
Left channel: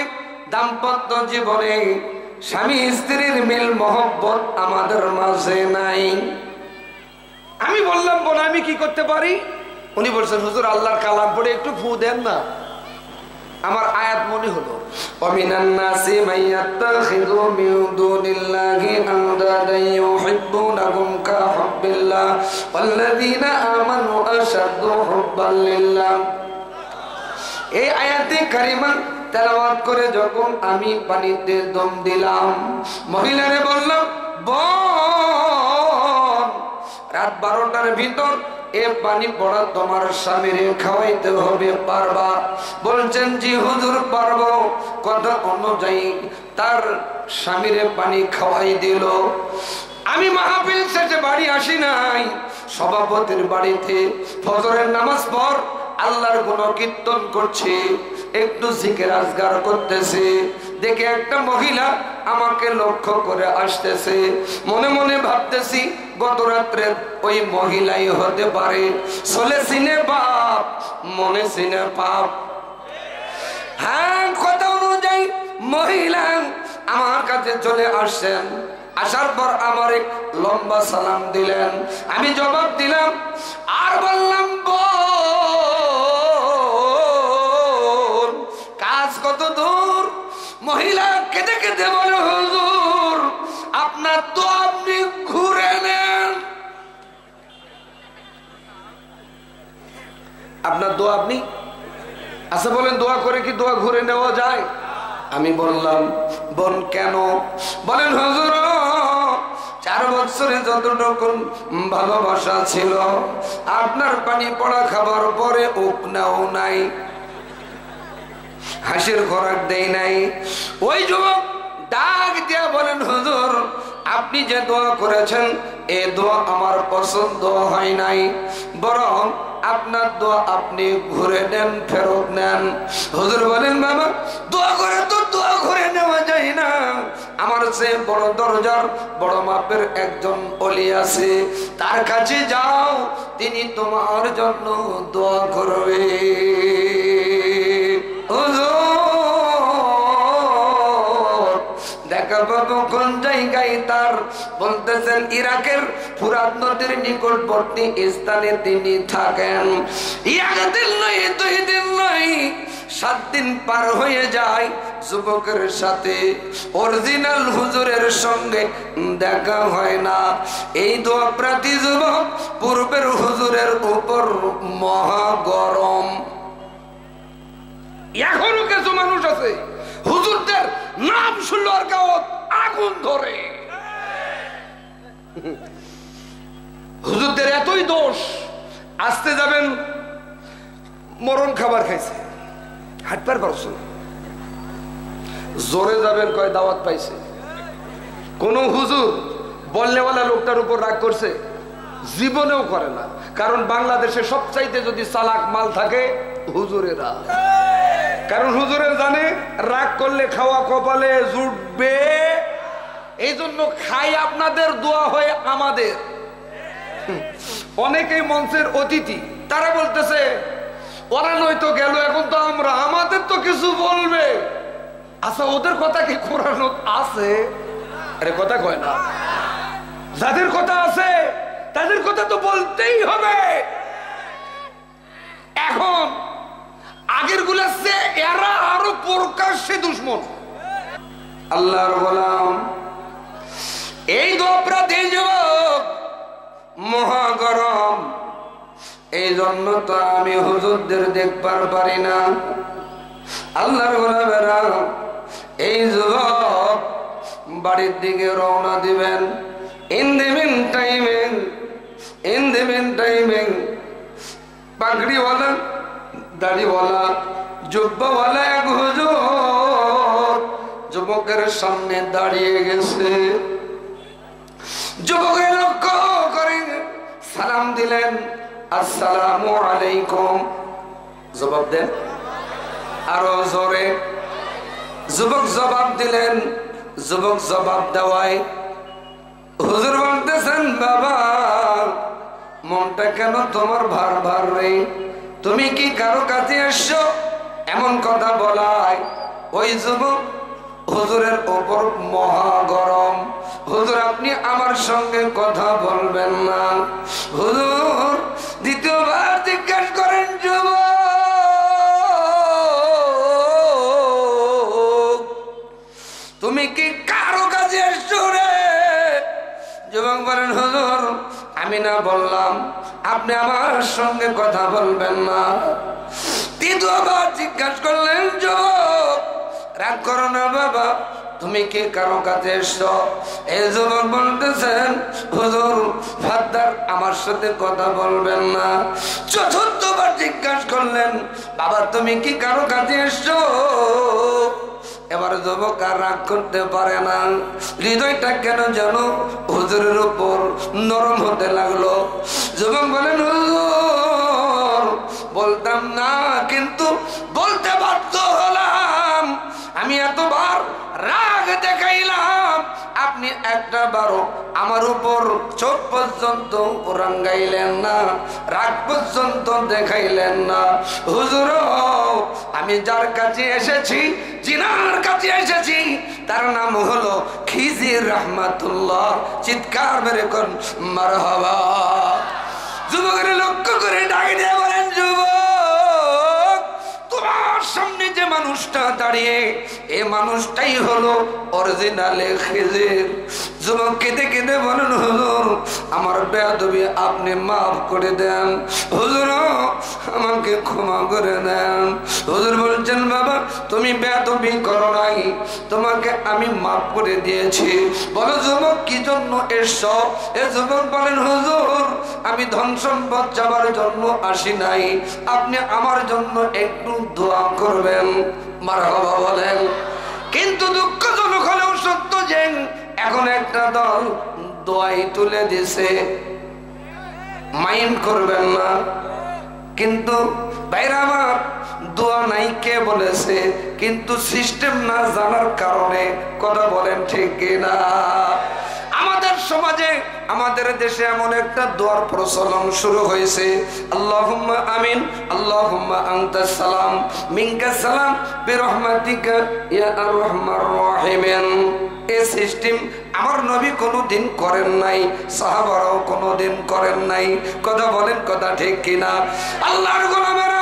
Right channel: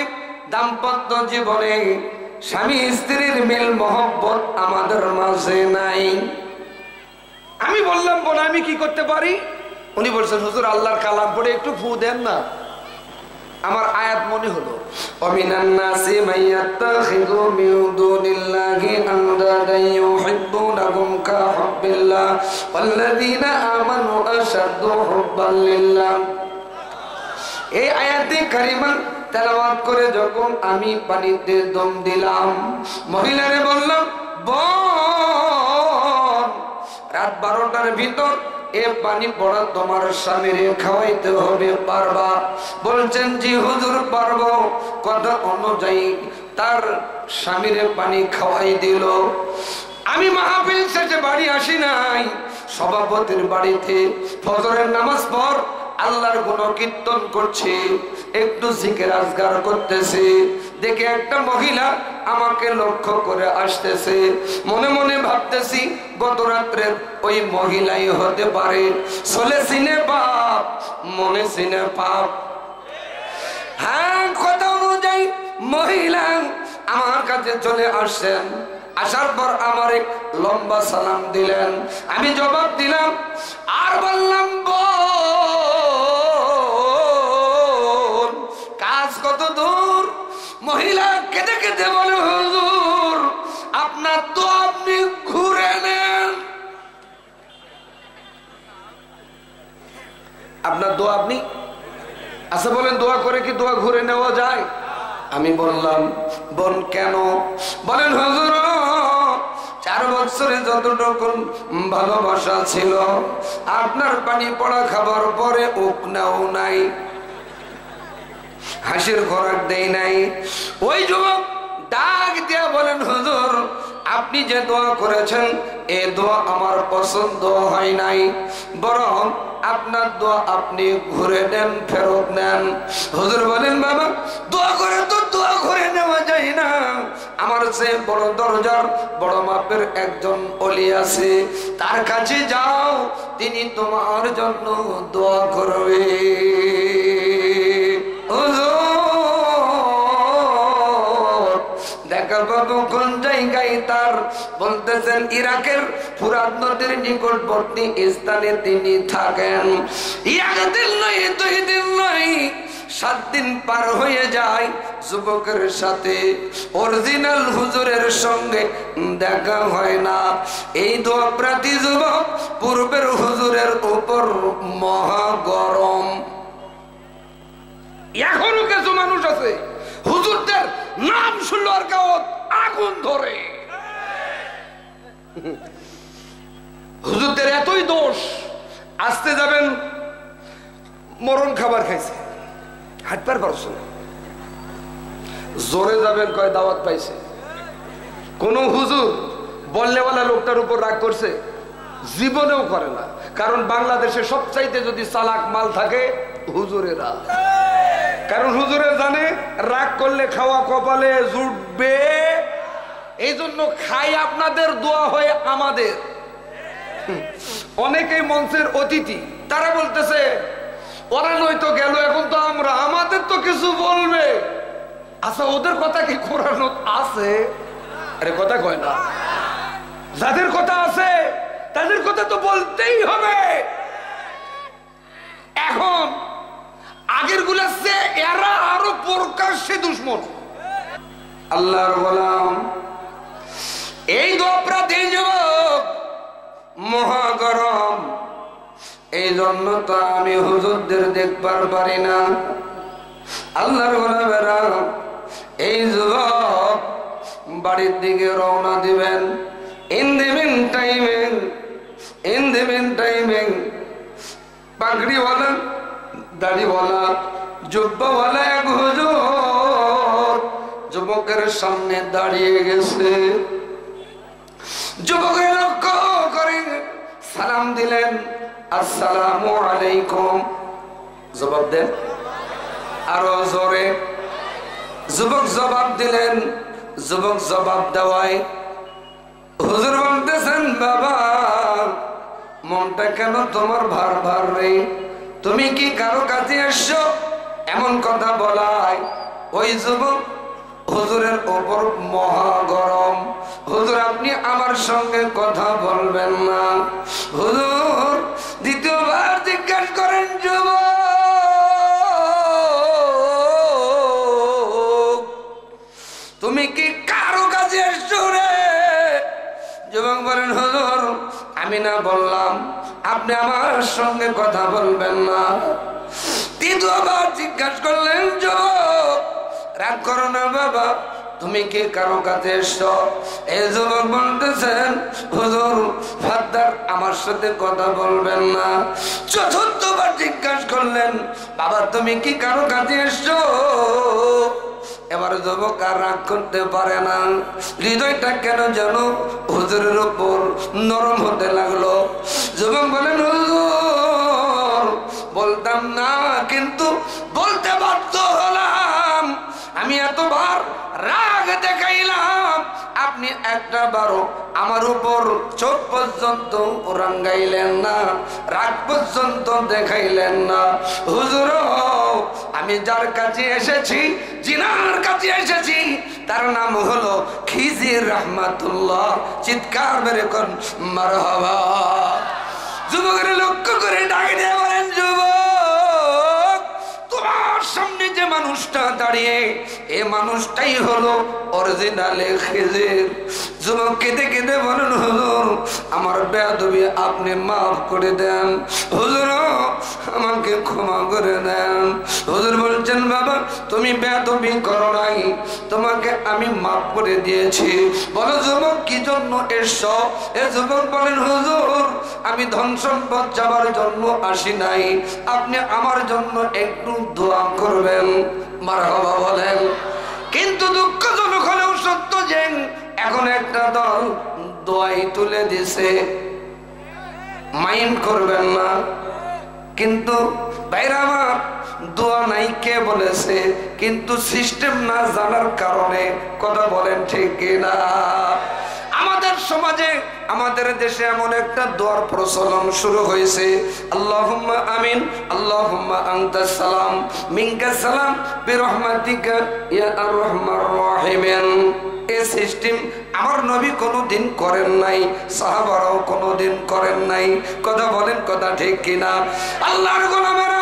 দাম্পত্য জীবনে স্বামী স্ত্রীর মিল মহব্বত আমাদের মাঝে নাই। আমি বললাম, বোন আমি কি করতে পারি? উনি বলছেন, হুজুর আল্লাহর কালাম পড়ে একটু ফু দেন না। আমার আয়াত মনে হলো, ওমিনান নাসি মাইয়াত্তাখিযু মিন দুনিল্লাহি আনদাদান ইউহিব্বুনাহুম কা হুব্বিল্লাহ ওয়াল্লাযীনা আমানু আশাদ্দু হুব্বান লিল্লাহ। এই আয়াতে কারিমা তেলাওয়াত করে যখন আমি পানিতে দম দিলাম, মহিলারে বললাম, বোন রাত 12টার ভিতর এ পানি পড়া তোমার স্বামীরে খাওয়াইতে হবে, পারবা? বলছেন, জি হুজুর পারবো। কথা অনুযায়ী তার স্বামীরে পানি খাওয়াই দিল। আমি মাহফিল শেষে বাড়ি আসি নাই, সভাপতির বাড়িতে ফজরের নামাজ পড় আল্লাহর গুণকীর্তন করছে, একটু জিকির আজগার করতেছে, দেখে একটা মহিলা আমাকে লক্ষ্য করে আসতেছে। মনে মনে ভাবতেছি গত রাত্রের ওই মহিলাই হতে পারে। চলে সিনে বাপ, মনে সিনে পাপ। হ্যাঁ, কথা অনুযায়ী মহিলা আমার কাছে চলে আসছেন। আসার পর আমার লম্বা সালাম দিলেন, আমি জবাব দিলাম আর বললাম, বোন কাজ কত দূর? মহিলা কেঁদে কেঁদে বলে, হুজুর আপনার তো আপনি ঘুরে নেন, আপনার দোয়া আপনি আচ্ছা বলেন, দোয়া করে কি দোয়া ঘুরে নেওয়া যায়? আমি বললাম, বোন কেন? বলেন, হুজুর 4 বছরে যতটুকু ভালোবাসা ছিল আপনার পানি পড়া খাবার পরে উপনাও নাই, হাসির খোরাক দেই নাই। ওই যুবক ডাক দিয়া বলেন, হুজুর আপনি যে দোয়া করেছেন এ দোয়া আমার পছন্দ হয় নাই, বরং আপনার দোয়া আপনি ঘুরে নেন, ফেরত নেন। হুজুর বলেন, বাবা দোয়া করে তো দোয়া ঘুরে নেওয়া যায় না, আমার সে বড় দরজার বড় মাপের একজন ওলি আছে, তার কাছে যাও, তিনি তোমার জন্য দোয়া করবে। দেখা পাবো কোন জায়গায়? তার বলতেছেন ইরাকের ফুরাত নদীর নিকটবর্তী স্থানে তিনি থাকেন। একদিন নয়, 2 দিন নয়, 7 দিন পার হয়ে যায়, যুবকের সাথে অরিজিনাল হুজুরের সঙ্গে দেখা হয় না। এই দোয়া প্রার্থী যুবক পূর্বের হুজুরের উপর মহা গরম। এখনো কিছু মানুষ আছে হুজুরদের নাম শুনলো আর গাওয়াত আগুন ধরে। হুজুরদের এতই দোষ, আসতে যাবেন মরণ খাবার খাইছে, হাঁটবার পারছো, জোরে যাবেন কয় দাওয়াত পাইছে। কোন হুজুর বললেওয়ালা লোকটার উপর রাগ করছে? জীবনেও করে না, কারণ বাংলাদেশে সবচাইতে যদি চালাক মাল থাকে হুজুরেরা। কারণ হুজুরে জানে রাগ করলে খাওয়া কপালে জুটবে, এই জন্য খাই আপনাদের, দোয়া হয় আমাদের। অনেকেই মঞ্চের অতিথি, তারা বলতেছে ওরা নয়তো গেল, এখন তো আমরা, আমাদের তো কিছু বলবে। আচ্ছা ওদের কথা কি কোরআন আছে? আরে কথা কয় না, যাদের কথা আছে তাদের কথা তো বলতেই হবে। এখন আগের গুলাছে এরা আরো প্রকাশ্যে দুশ্মন। আল্লাহর গোলাম এই দোপরাধী যুবক মহা গরম, এই জন্য তো আমি হুজুরদের দেখবার পারি না। আল্লাহর গোলামেরা এই যুবক বাড়ির দিকে রওনা দিবেন। ইন দি মিন টাইমিং পাগড়িওয়ালা, দাড়িওয়ালা, জুব্বাওয়ালা এক হুজুর যুবকের সামনে দাঁড়িয়ে গেছে। যুবকের লক্ষ্য করে সালাম দিলেন, আসসালামু আলাইকুম। জবাব দেন আরো জোরে। যুবক জবাব দিলেন। যুবক জবাব দেওয়ায় হুজুর বলতেছেন, বাবা মনটা কেন তোমার ভার ভার রে? তুমি কি কারো কাছে এসছো? এমন কথা বলায় ওই যুবক হুজুরের ওপর মহা গরম। হুজুর আপনি আমার সঙ্গে কথা বলবেন না। হুজুর দ্বিতীয়বার জিজ্ঞাসা করেন, যুবক তুমি কি কারো কাছে এসছো রে? যুবক বলেন, হুজুর আমি না বললাম আপনি আমার সঙ্গে কথা বলবেন না। দ্বিতীয়বার জিজ্ঞাসা করলেন, যুবক রাগ করো না বাবা, তুমি কি কারো কাছে এসছো? এই যুবক বলতেছেন, হুজুর ফাদ্দার আমার সাথে কথা বলবেন না। চতুর্থবার জিজ্ঞাসা করলেন, বাবা তুমি কি কারো কাছে এসছো? এবার যুবক আর রাগ করতে পারে না। হৃদয়টা কেন যেন হুজুরের উপর নরম হতে লাগলো। যুবক বলেন, হুজুর বলতাম না কিন্তু বলতে বাধ্য হলাম। আমি এতবার রাগ দেখাইলাম, আপনি একটা বারো আমার উপর চোখ পর্যন্ত রাঙ্গাইলেন না, রাগ পর্যন্ত দেখাইলেন না। হুজুর আমি যার কাছে এসেছি, জিনার কাছে এসেছি, তার নাম হলো খিজির রহমাতুল্লাহ। চিৎকার মেরে কোন মারহাবা। যুবকের লক্ষ্য করে ডাক দিয়ে বলেন, যুবক তোমার সামনে যে মানুষটা দাঁড়িয়ে, এ মানুষটাই হলো অরিজিনালে খিজির। যুবক কেঁদে কেঁদে বলেন, হুজুর আমার বেয়াদবি আপনি মাফ করে দেন, হুজুর আমাকে ক্ষমা করে দেন। হুজুর বলছেন, বাবা তুমি বেয়াদবি করো নাই, তোমাকে আমি মাফ করে দিয়েছি। বলো যুবক কি জন্য এসছো? এ যুবক বলেন, হুজুর আমি ধন সম্পদ যাবার জন্য আসি নাই, আপনি আমার জন্য একটু দোয়া করবেন। মারহাবা বলেন। কিন্তু দুঃখজনক হলেও সত্য যে এখন একটা দল দোয়াই তুলে দিছে, মাইন্ড করবেন না। কিন্তু ভাইরা আমার দোয়া নাই কে বলেছে, কিন্তু সিস্টেম না জানার কারণে কথা বলেন ঠিক কিনা? আমাদের সমাজে আমাদের দেশে এমন একটা দোয়ার প্রচলন শুরু হয়েছে, আল্লাহুম্মা আমিন, আল্লাহুম্মা আনতাস সালাম মিনকাস সালাম বিরহমাতিকা ইয়া আরহামার রাহিমিন। এই সিস্টেম আমার নবী কোনোদিন করেন নাই, সাহাবারাও কোনোদিন করেন নাই। কথা বলেন কথা ঠিক কিনা? আল্লাহর গোলামেরা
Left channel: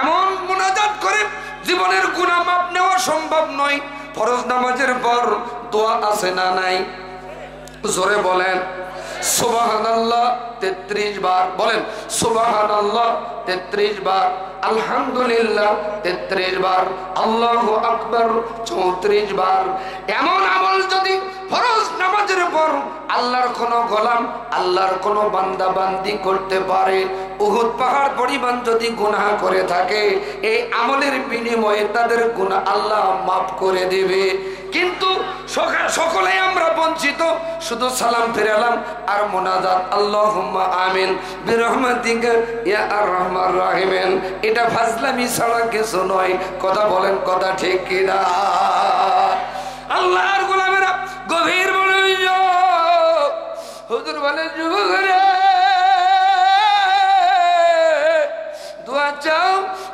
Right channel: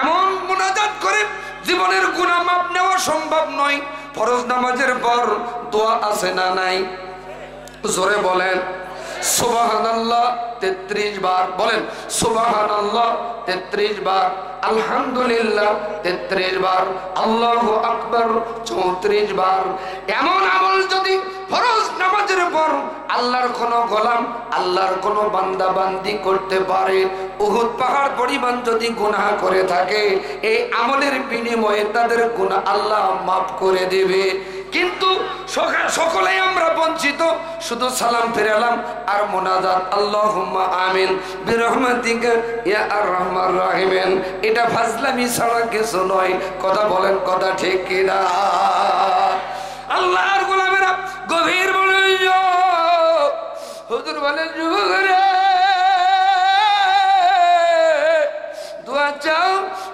এমন মুনাজাত করে জীবনের গুনাহ মাপ নেওয়া সম্ভব নয়। ফরজ নামাজের পর দোয়া আছে না নাই? জোরে বলেন সুবহানাল্লাহ 33 বার। বলেন সুবহানাল্লাহ 33 বার, আলহামদুলিল্লাহ 33 বার, আল্লাহু আকবার 34 বার। এমন আমল যদি ফরজ নামাজের পর আল্লাহর কোন গোলাম, আল্লাহর কোন বান্দা বান্দি করতে পারে, উহুদ পাহাড় পরিমাণ যদি গুনাহ করে থাকে, এই আমলের বিনিময়ে তাদের গুনাহ আল্লাহ মাফ করে দেবে। কিন্তু সকলে আমরা বঞ্চিত, শুধু সালাম ফিরালাম আর মোনাজাত আল্লাহুম্মা আমিন বিরহমাতিকা ইয়া আরহামার রাহিমিন। এটা ফাজলামি ছাড়া কিছু নয়। কথা বলেন কথা ঠিক কিনা? আল্লাহর গোলামেরা গভীর মনোযোগ। হুজুর বলেন, যুবক রে দোয়া চাও,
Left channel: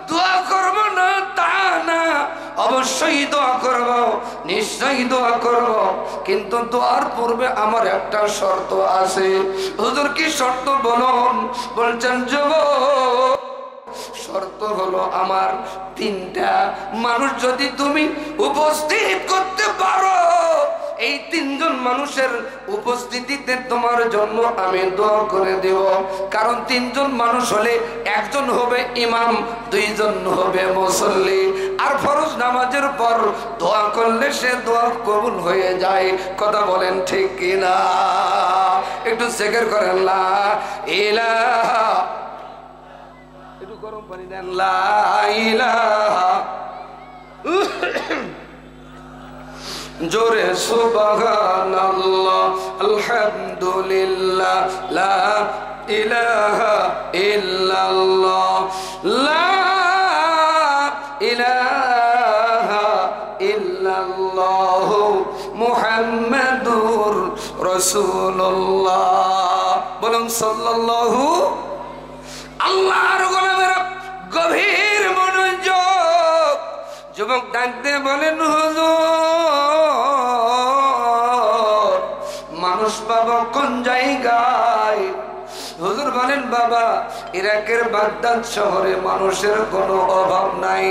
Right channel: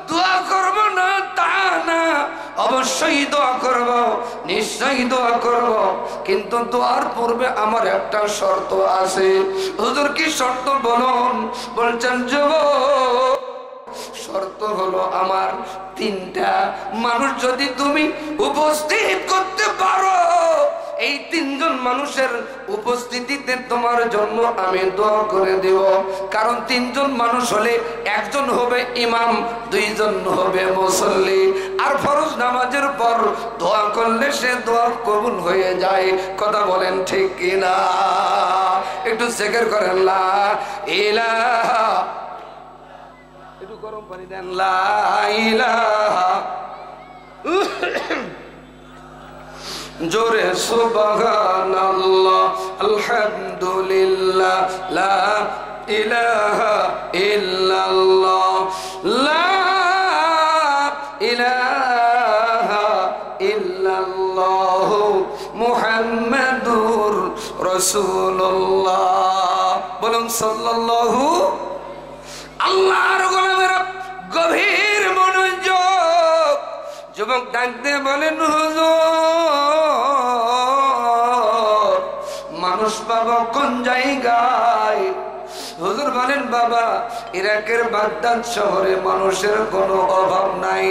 দোয়া করব না তা না, অবশ্যই দোয়া করব, নিশ্চয়ই দোয়া করব, কিন্তু দোয়ার পূর্বে আমার একটা শর্ত আছে। হুজুর কি শর্ত বলুন? বলছেন, যুবক শর্ত হলো আমার তিনটা। মানুষ যদি তুমি উপস্থিত করতে পারো, এই তিনজন মানুষের উপস্থিতিতে তোমার জন্য আমি দোয়া করে দেব। কারণ তিনজন মানুষ হলে একজন হবে ইমাম, দুইজন হবে মুসল্লি। আর ফরজ নামাজের পর দোয়া করলে সে দোয়া কবুল হয়ে যায়। কথা বলেন ঠিক কিনা? একটু জিকির করেন লা ইলাহা, একটু গরম পানি দেন, লা ইলাহা, জোরে সুবহানাল্লাহ, আলহামদুলিল্লাহ, লা ইলাহা ইল্লাল্লাহ লা ইলাহা ইল্লাল্লাহ মুহাম্মাদুর রাসূলুল্লাহ। বলুন সাল্লাল্লাহু। আল্লাহর গোলামেরা গভীর মনোযোগ। যুবক ডাকতে বলেন হুজুর মানুষ পাবো কোন জায়গায়? হুজুর বলেন বাবা ইরাকের বাগদাদ শহরে মানুষের কোনো অভাব নাই।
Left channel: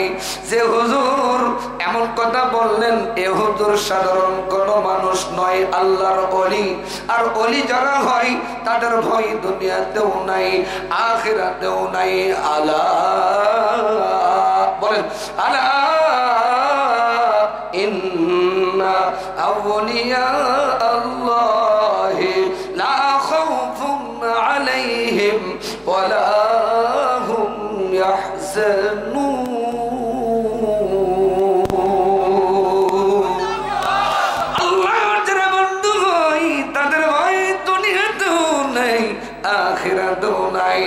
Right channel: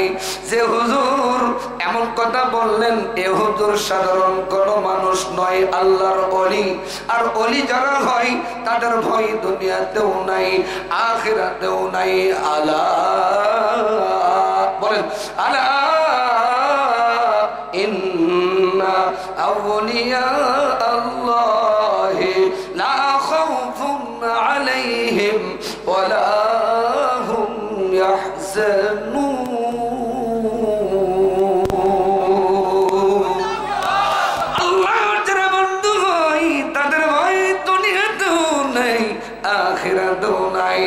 যে হুজুর এমন কথা বললেন এ হুজুর সাধারণ কোনো মানুষ নয়, আল্লাহর ওলি। আর ওলি যারা হয় তাদের ভয় দুনিয়াতেও নাই আখিরাতেও নাই। আলা বলেন আলা ইন্না আউলিয়া আল্লাহি লা খাউফুন আলাইহিম ওয়ালা হুম ইয়াহজানুন। আল্লাহর যারা বন্ধু হয় তাদের ভয় দুনিয়াতেও নাই আখিরাতেও নাই।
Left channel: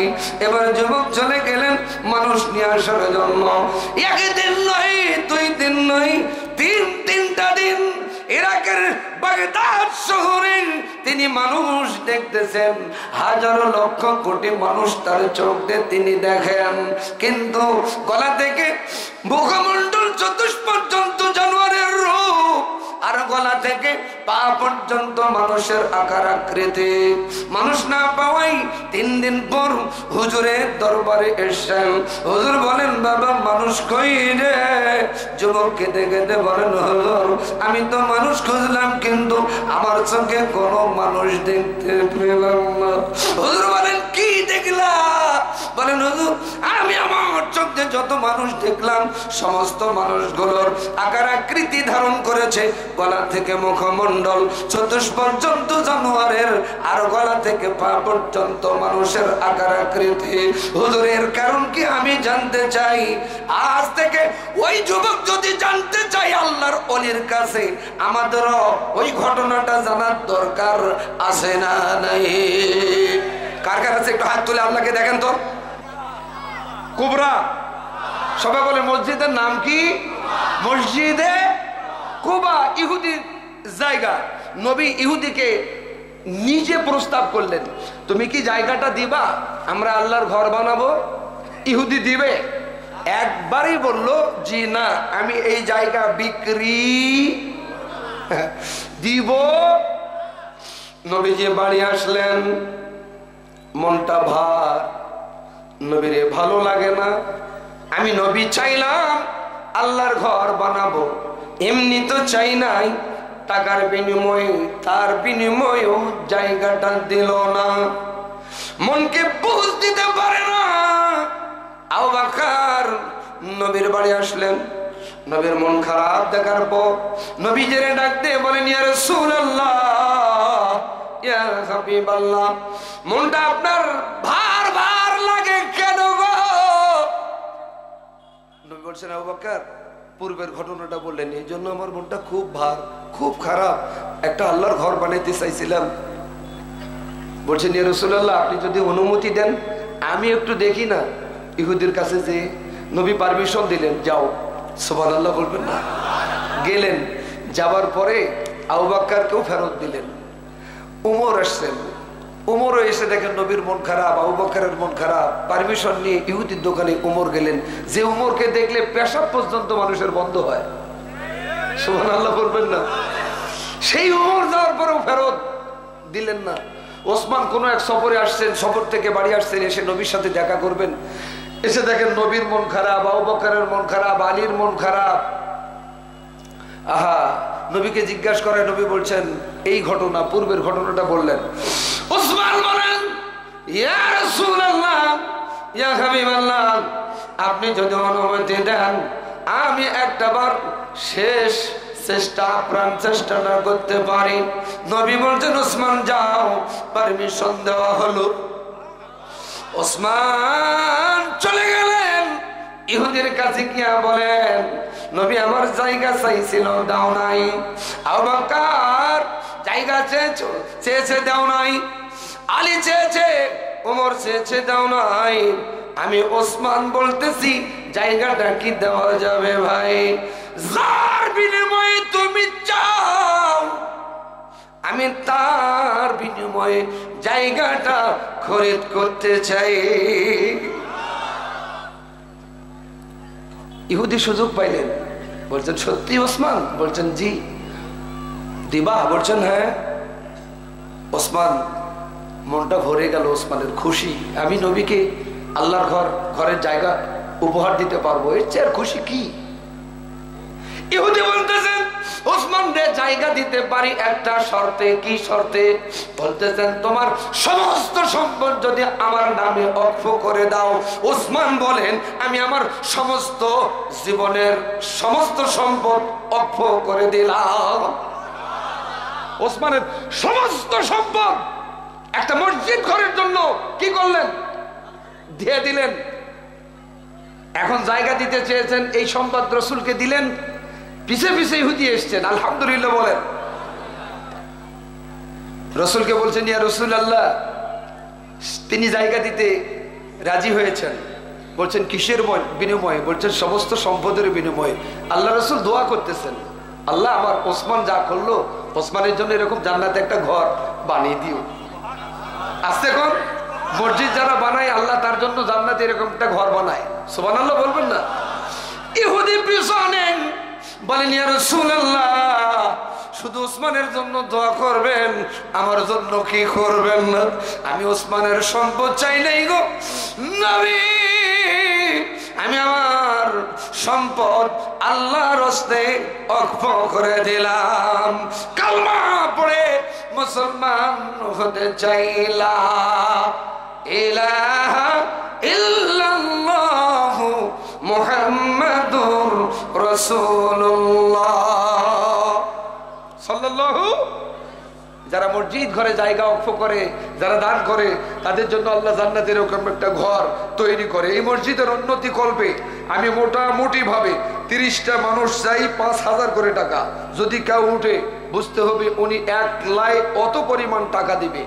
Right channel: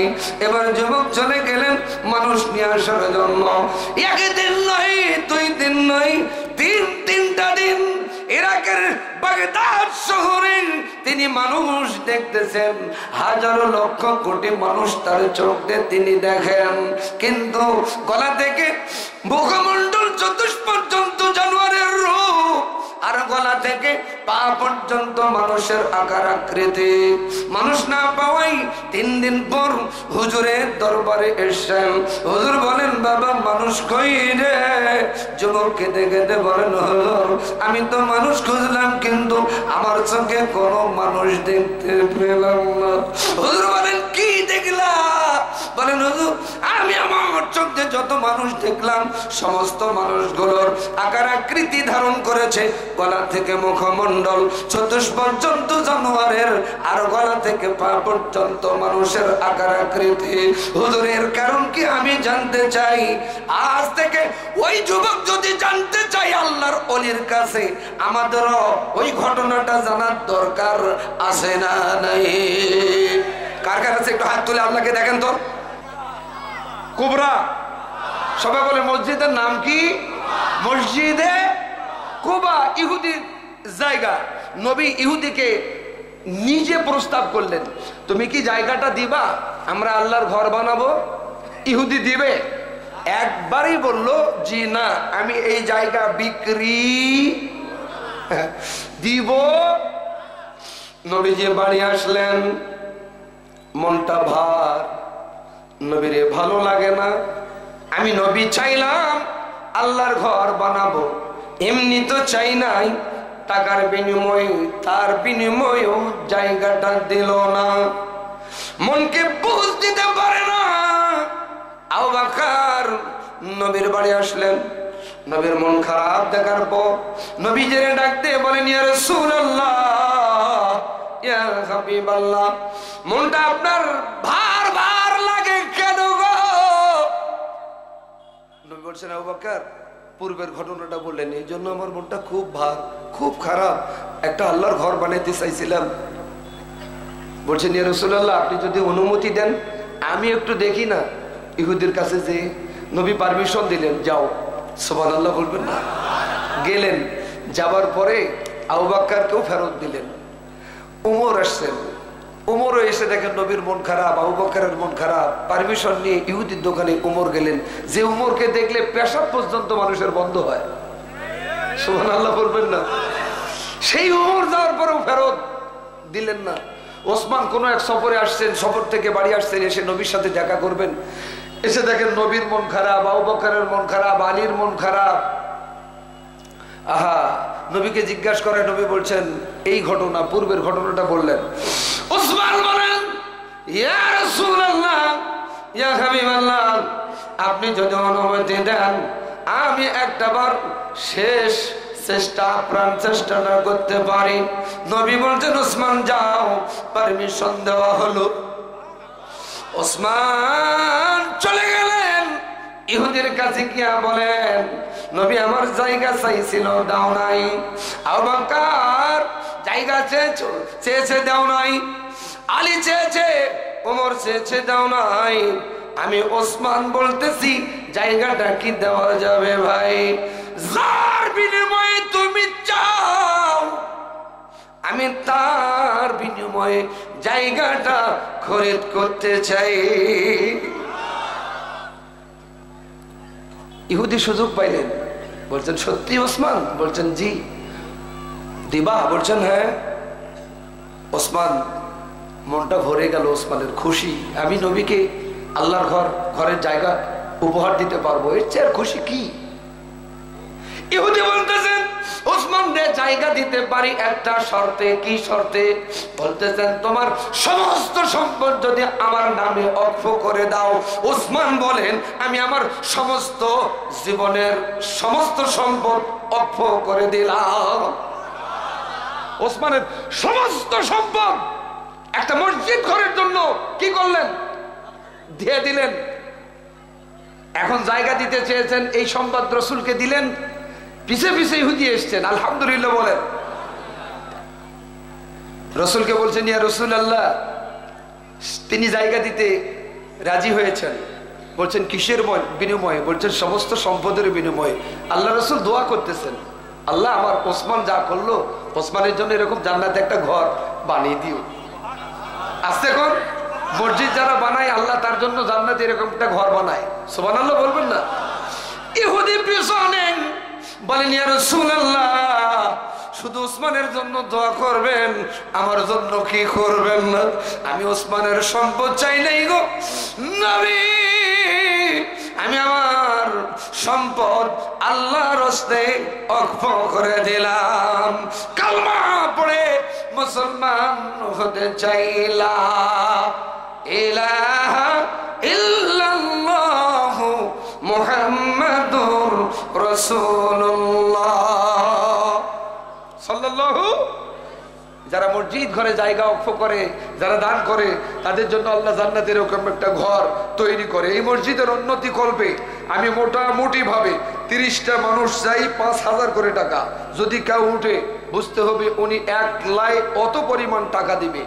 এবার যুবক চলে গেলেন মানুষ নিয়ে আসার জন্য। একদিন নয়, 2 দিন নয়, 3টা দিন ইরাকের বাগদাদ শহরে তিনি মানুষ দেখতেছেন। হাজারো লক্ষ কোটি মানুষ তার চোখ দিয়ে তিনি দেখেন, কিন্তু গলা থেকে মুখমণ্ডল চতুষ্পর্যন্ত জানোয়ারের রূপ, আর গলা থেকে পা পর্যন্ত মানুষের আকার আকৃতি। মানুষ না পাওয়াই 3 দিন পর হুজুরের দরবারে এসেছেন। হুজুর বলেন বাবা মানুষ কই রে? যুবক কেঁদে কেঁদে বলেন হুজুর আমি তো মানুষ খুঁজলাম কিন্তু আমার চোখে কোনো মানুষ দেখতে পেলাম না। হুজুর বলেন কি দেখলা? বলেন হুজুর আমি আমার চোখে যত মানুষ দেখলাম সমস্ত মানুষগুলোর আকার আকৃতি ধারণ করেছে। গলা থেকে মুখমণ্ডল চতুষ্পর্যন্ত জানোয়ারের, আর গলা থেকে পা পর্যন্ত মানুষের আকার আকৃতি। হুজুরের কারণ কি আমি জানতে চাই। আজ থেকে ওই যুবক যদি জানতে চাই আল্লাহর ওলির কাছে, আমাদেরও ওই ঘটনাটা জানার দরকার আছে না নাই? কার কার আছে একটু হাত তুলে আপনাকে দেখেন তো। কুবরা সবাই বলে মসজিদের নাম কি? মসজিদে কুবা, ইহুদির জায়গা। নবী ইহুদিকে নিজে প্রস্তাব করলেন তুমি কি জায়গাটা দিবা, আমরা আল্লাহর ঘর বানাবো? ইহুদি দিবে? একবারই বলল জি না, আমি এই জায়গা বিক্রি দিব। নবীজি বাড়ি আসলেন, মনটা ভার, নবীরে ভালো লাগে না। আমি নবী চাইলাম আল্লাহর ঘর বানাবো, এমনি তো চাই নাই, টাকার বিনিময়ে তার বিনিময়েও জায়গাটা দিল না। মনকে বুঝ দিতে পারে না। আবু বকর নবীর বাড়ি আসলেন, নবীর মন খারাপ দেখার পর নবীজিরে ডাকতে বলেন ইয়া রাসূলুল্লাহ ইয়া হাবিবাল্লাহ মনটা আপনার ভার ভার লাগে কেন গো? নবী বলছেন আবু বকর পূর্বের ঘটনাটা বললেন এই জন্য আমার মনটা খুব ভার, খুব খারাপ। একটা আল্লাহর ঘর বানাইতে চাইছিলাম। বলছেন ইয়া রাসূলুল্লাহ আপনি যদি অনুমতি দেন আমি একটু দেখি না। ইহুদির কাছে যে নবী পারমিশন দিলেন, যাও। সুবহানাল্লাহ বলবেন না? গেলেন, যাবার পরে আবু বকরকেও ফেরত দিলেন। উমর আসছেন, উমরও এসে দেখেন নবীর মন খারাপ, আবু বকরের মন খারাপ। পারমিশন নিয়ে ইহুদির দোকানে উমর গেলেন, যে উমরকে দেখলে পেশাব পর্যন্ত মানুষের বন্ধ হয়। সুবহানাল্লাহ বলবেন না? সেই উমর যাওয়ার পরেও ফেরত দিলেন না। ওসমান কোন এক সফরে আসছেন, সফর থেকে বাড়ি আসছেন, এসে নবীর সাথে দেখা করবেন। এসে দেখেন নবীর মন খারাপ, আবু বকরের মন খারাপ, আলীর মন খারাপ। আহা, নবীকে জিজ্ঞাসা করে, নবী বলছেন এই ঘটনা, পূর্বের ঘটনাটা বললেন। ওসমান বলেন ইয়া রাসূলুল্লাহ ইয়া হাবিবাল্লাহ আপনি যদি অনুমতি দেন আমি একটাবার শেষ চেষ্টা, প্রাণ চেষ্টা না করতে পারি। নবী বলছেন ওসমান যাও। পারমিশন দেওয়া হলো। ওসমান চলে গেলেন, ইহুদির কাছে গিয়া বলেন নবী আমার জায়গা চাইছিল, দাও নাই। আবু বকর জায়গা চেয়েছে, দাও নাই। আলী চেয়েছে, ওমর চেয়েছে দাও নাই, আমি ওসমান বলতেছি জায়গাটা কি দেওয়া যাবে ভাই? যার বিনিময়ে তুমি চাও আমি তার বিনিময়ে জায়গাটা খরিদ করতে চাই। ইহুদি সুযোগ পাইলেন, বলছেন সত্যি ওসমান? বলছেন জি। দিবা? বলছেন হ্যাঁ। ওসমান মনটা ভরে গেল, ওসমানের খুশি, আমি নবীকে আল্লাহর ঘরের জায়গা উপহার দিতে পারবো, এর চেয়ে খুশি কি? ইহুদি বলতেছেন ওসমান রে জায়গা দিতে পারি একটা শর্তে। কি শর্তে? বলতেছেন তোমার সমস্ত সম্পদ যদি আমার নামে অক্ষ করে দাও। ওসমান বলেন আমি আমার সমস্ত জীবনের সমস্ত সম্পদ অক্ষ করে দিলাম। ওসমানের সমস্ত সম্পদ একটা মসজিদ ঘরের জন্য কি করলেন? দিয়ে দিলেন। এখন জায়গা দিতে চেয়েছেন, এই সম্পদ রসুলকে দিলেন, পিছে পিছে ইহুদি এসছেন, আলহামদুলিল্লাহ বলেন। রসুলকে বলছেন ইয়া রাসূলুল্লাহ, তিনি জায়গা দিতে রাজি হয়েছেন। বলছেন কিসের বিনিময়ে? বলছেন সমস্ত সম্পদের বিনিময়ে। আল্লাহ রসুল দোয়া করতেছেন, আল্লাহ আমার ওসমান যা করলো, ওসমানের জন্য এরকম জান্নাতে একটা ঘর বানিয়ে দিও। আস্তে কর, মসজিদ যারা বানায় আল্লাহ তার জন্য জান্নাতে এরকম একটা ঘর বানায়। সুবহানাল্লাহ বলবেন না? ইহুদি পিছনে বলেন ইয়া রাসূলুল্লাহ, শুধু ওসমানের জন্য দোয়া করবেন, আমার জন্য কি করবেন না? আমি ওসমানের সম্পদ চাই নাই গো নবী, আমি আমার সম্পদ আল্লাহর রাস্তে ওয়াকফ করে দিলাম। কালমা পড়ে মুসলমান হতে চাইলা, ইলাহা ইল্লাল্লাহ মুহাম্মাদুর রাসূলুল্লাহ সাল্লাল্লাহু। যারা মসজিদ ঘরে জায়গা অক্ষ করে, যারা দান করে, তাদের জন্য আল্লাহ জান্নাতে এরকম একটা ঘর তৈরি করে। এই মসজিদের উন্নতি করবে আমি মোটামুটি ভাবে 30টা মানুষ চাই, 5,000 করে টাকা। যদি কেউ উঠে বুঝতে হবে উনি 1 লাখ অত পরিমাণ টাকা দিবে।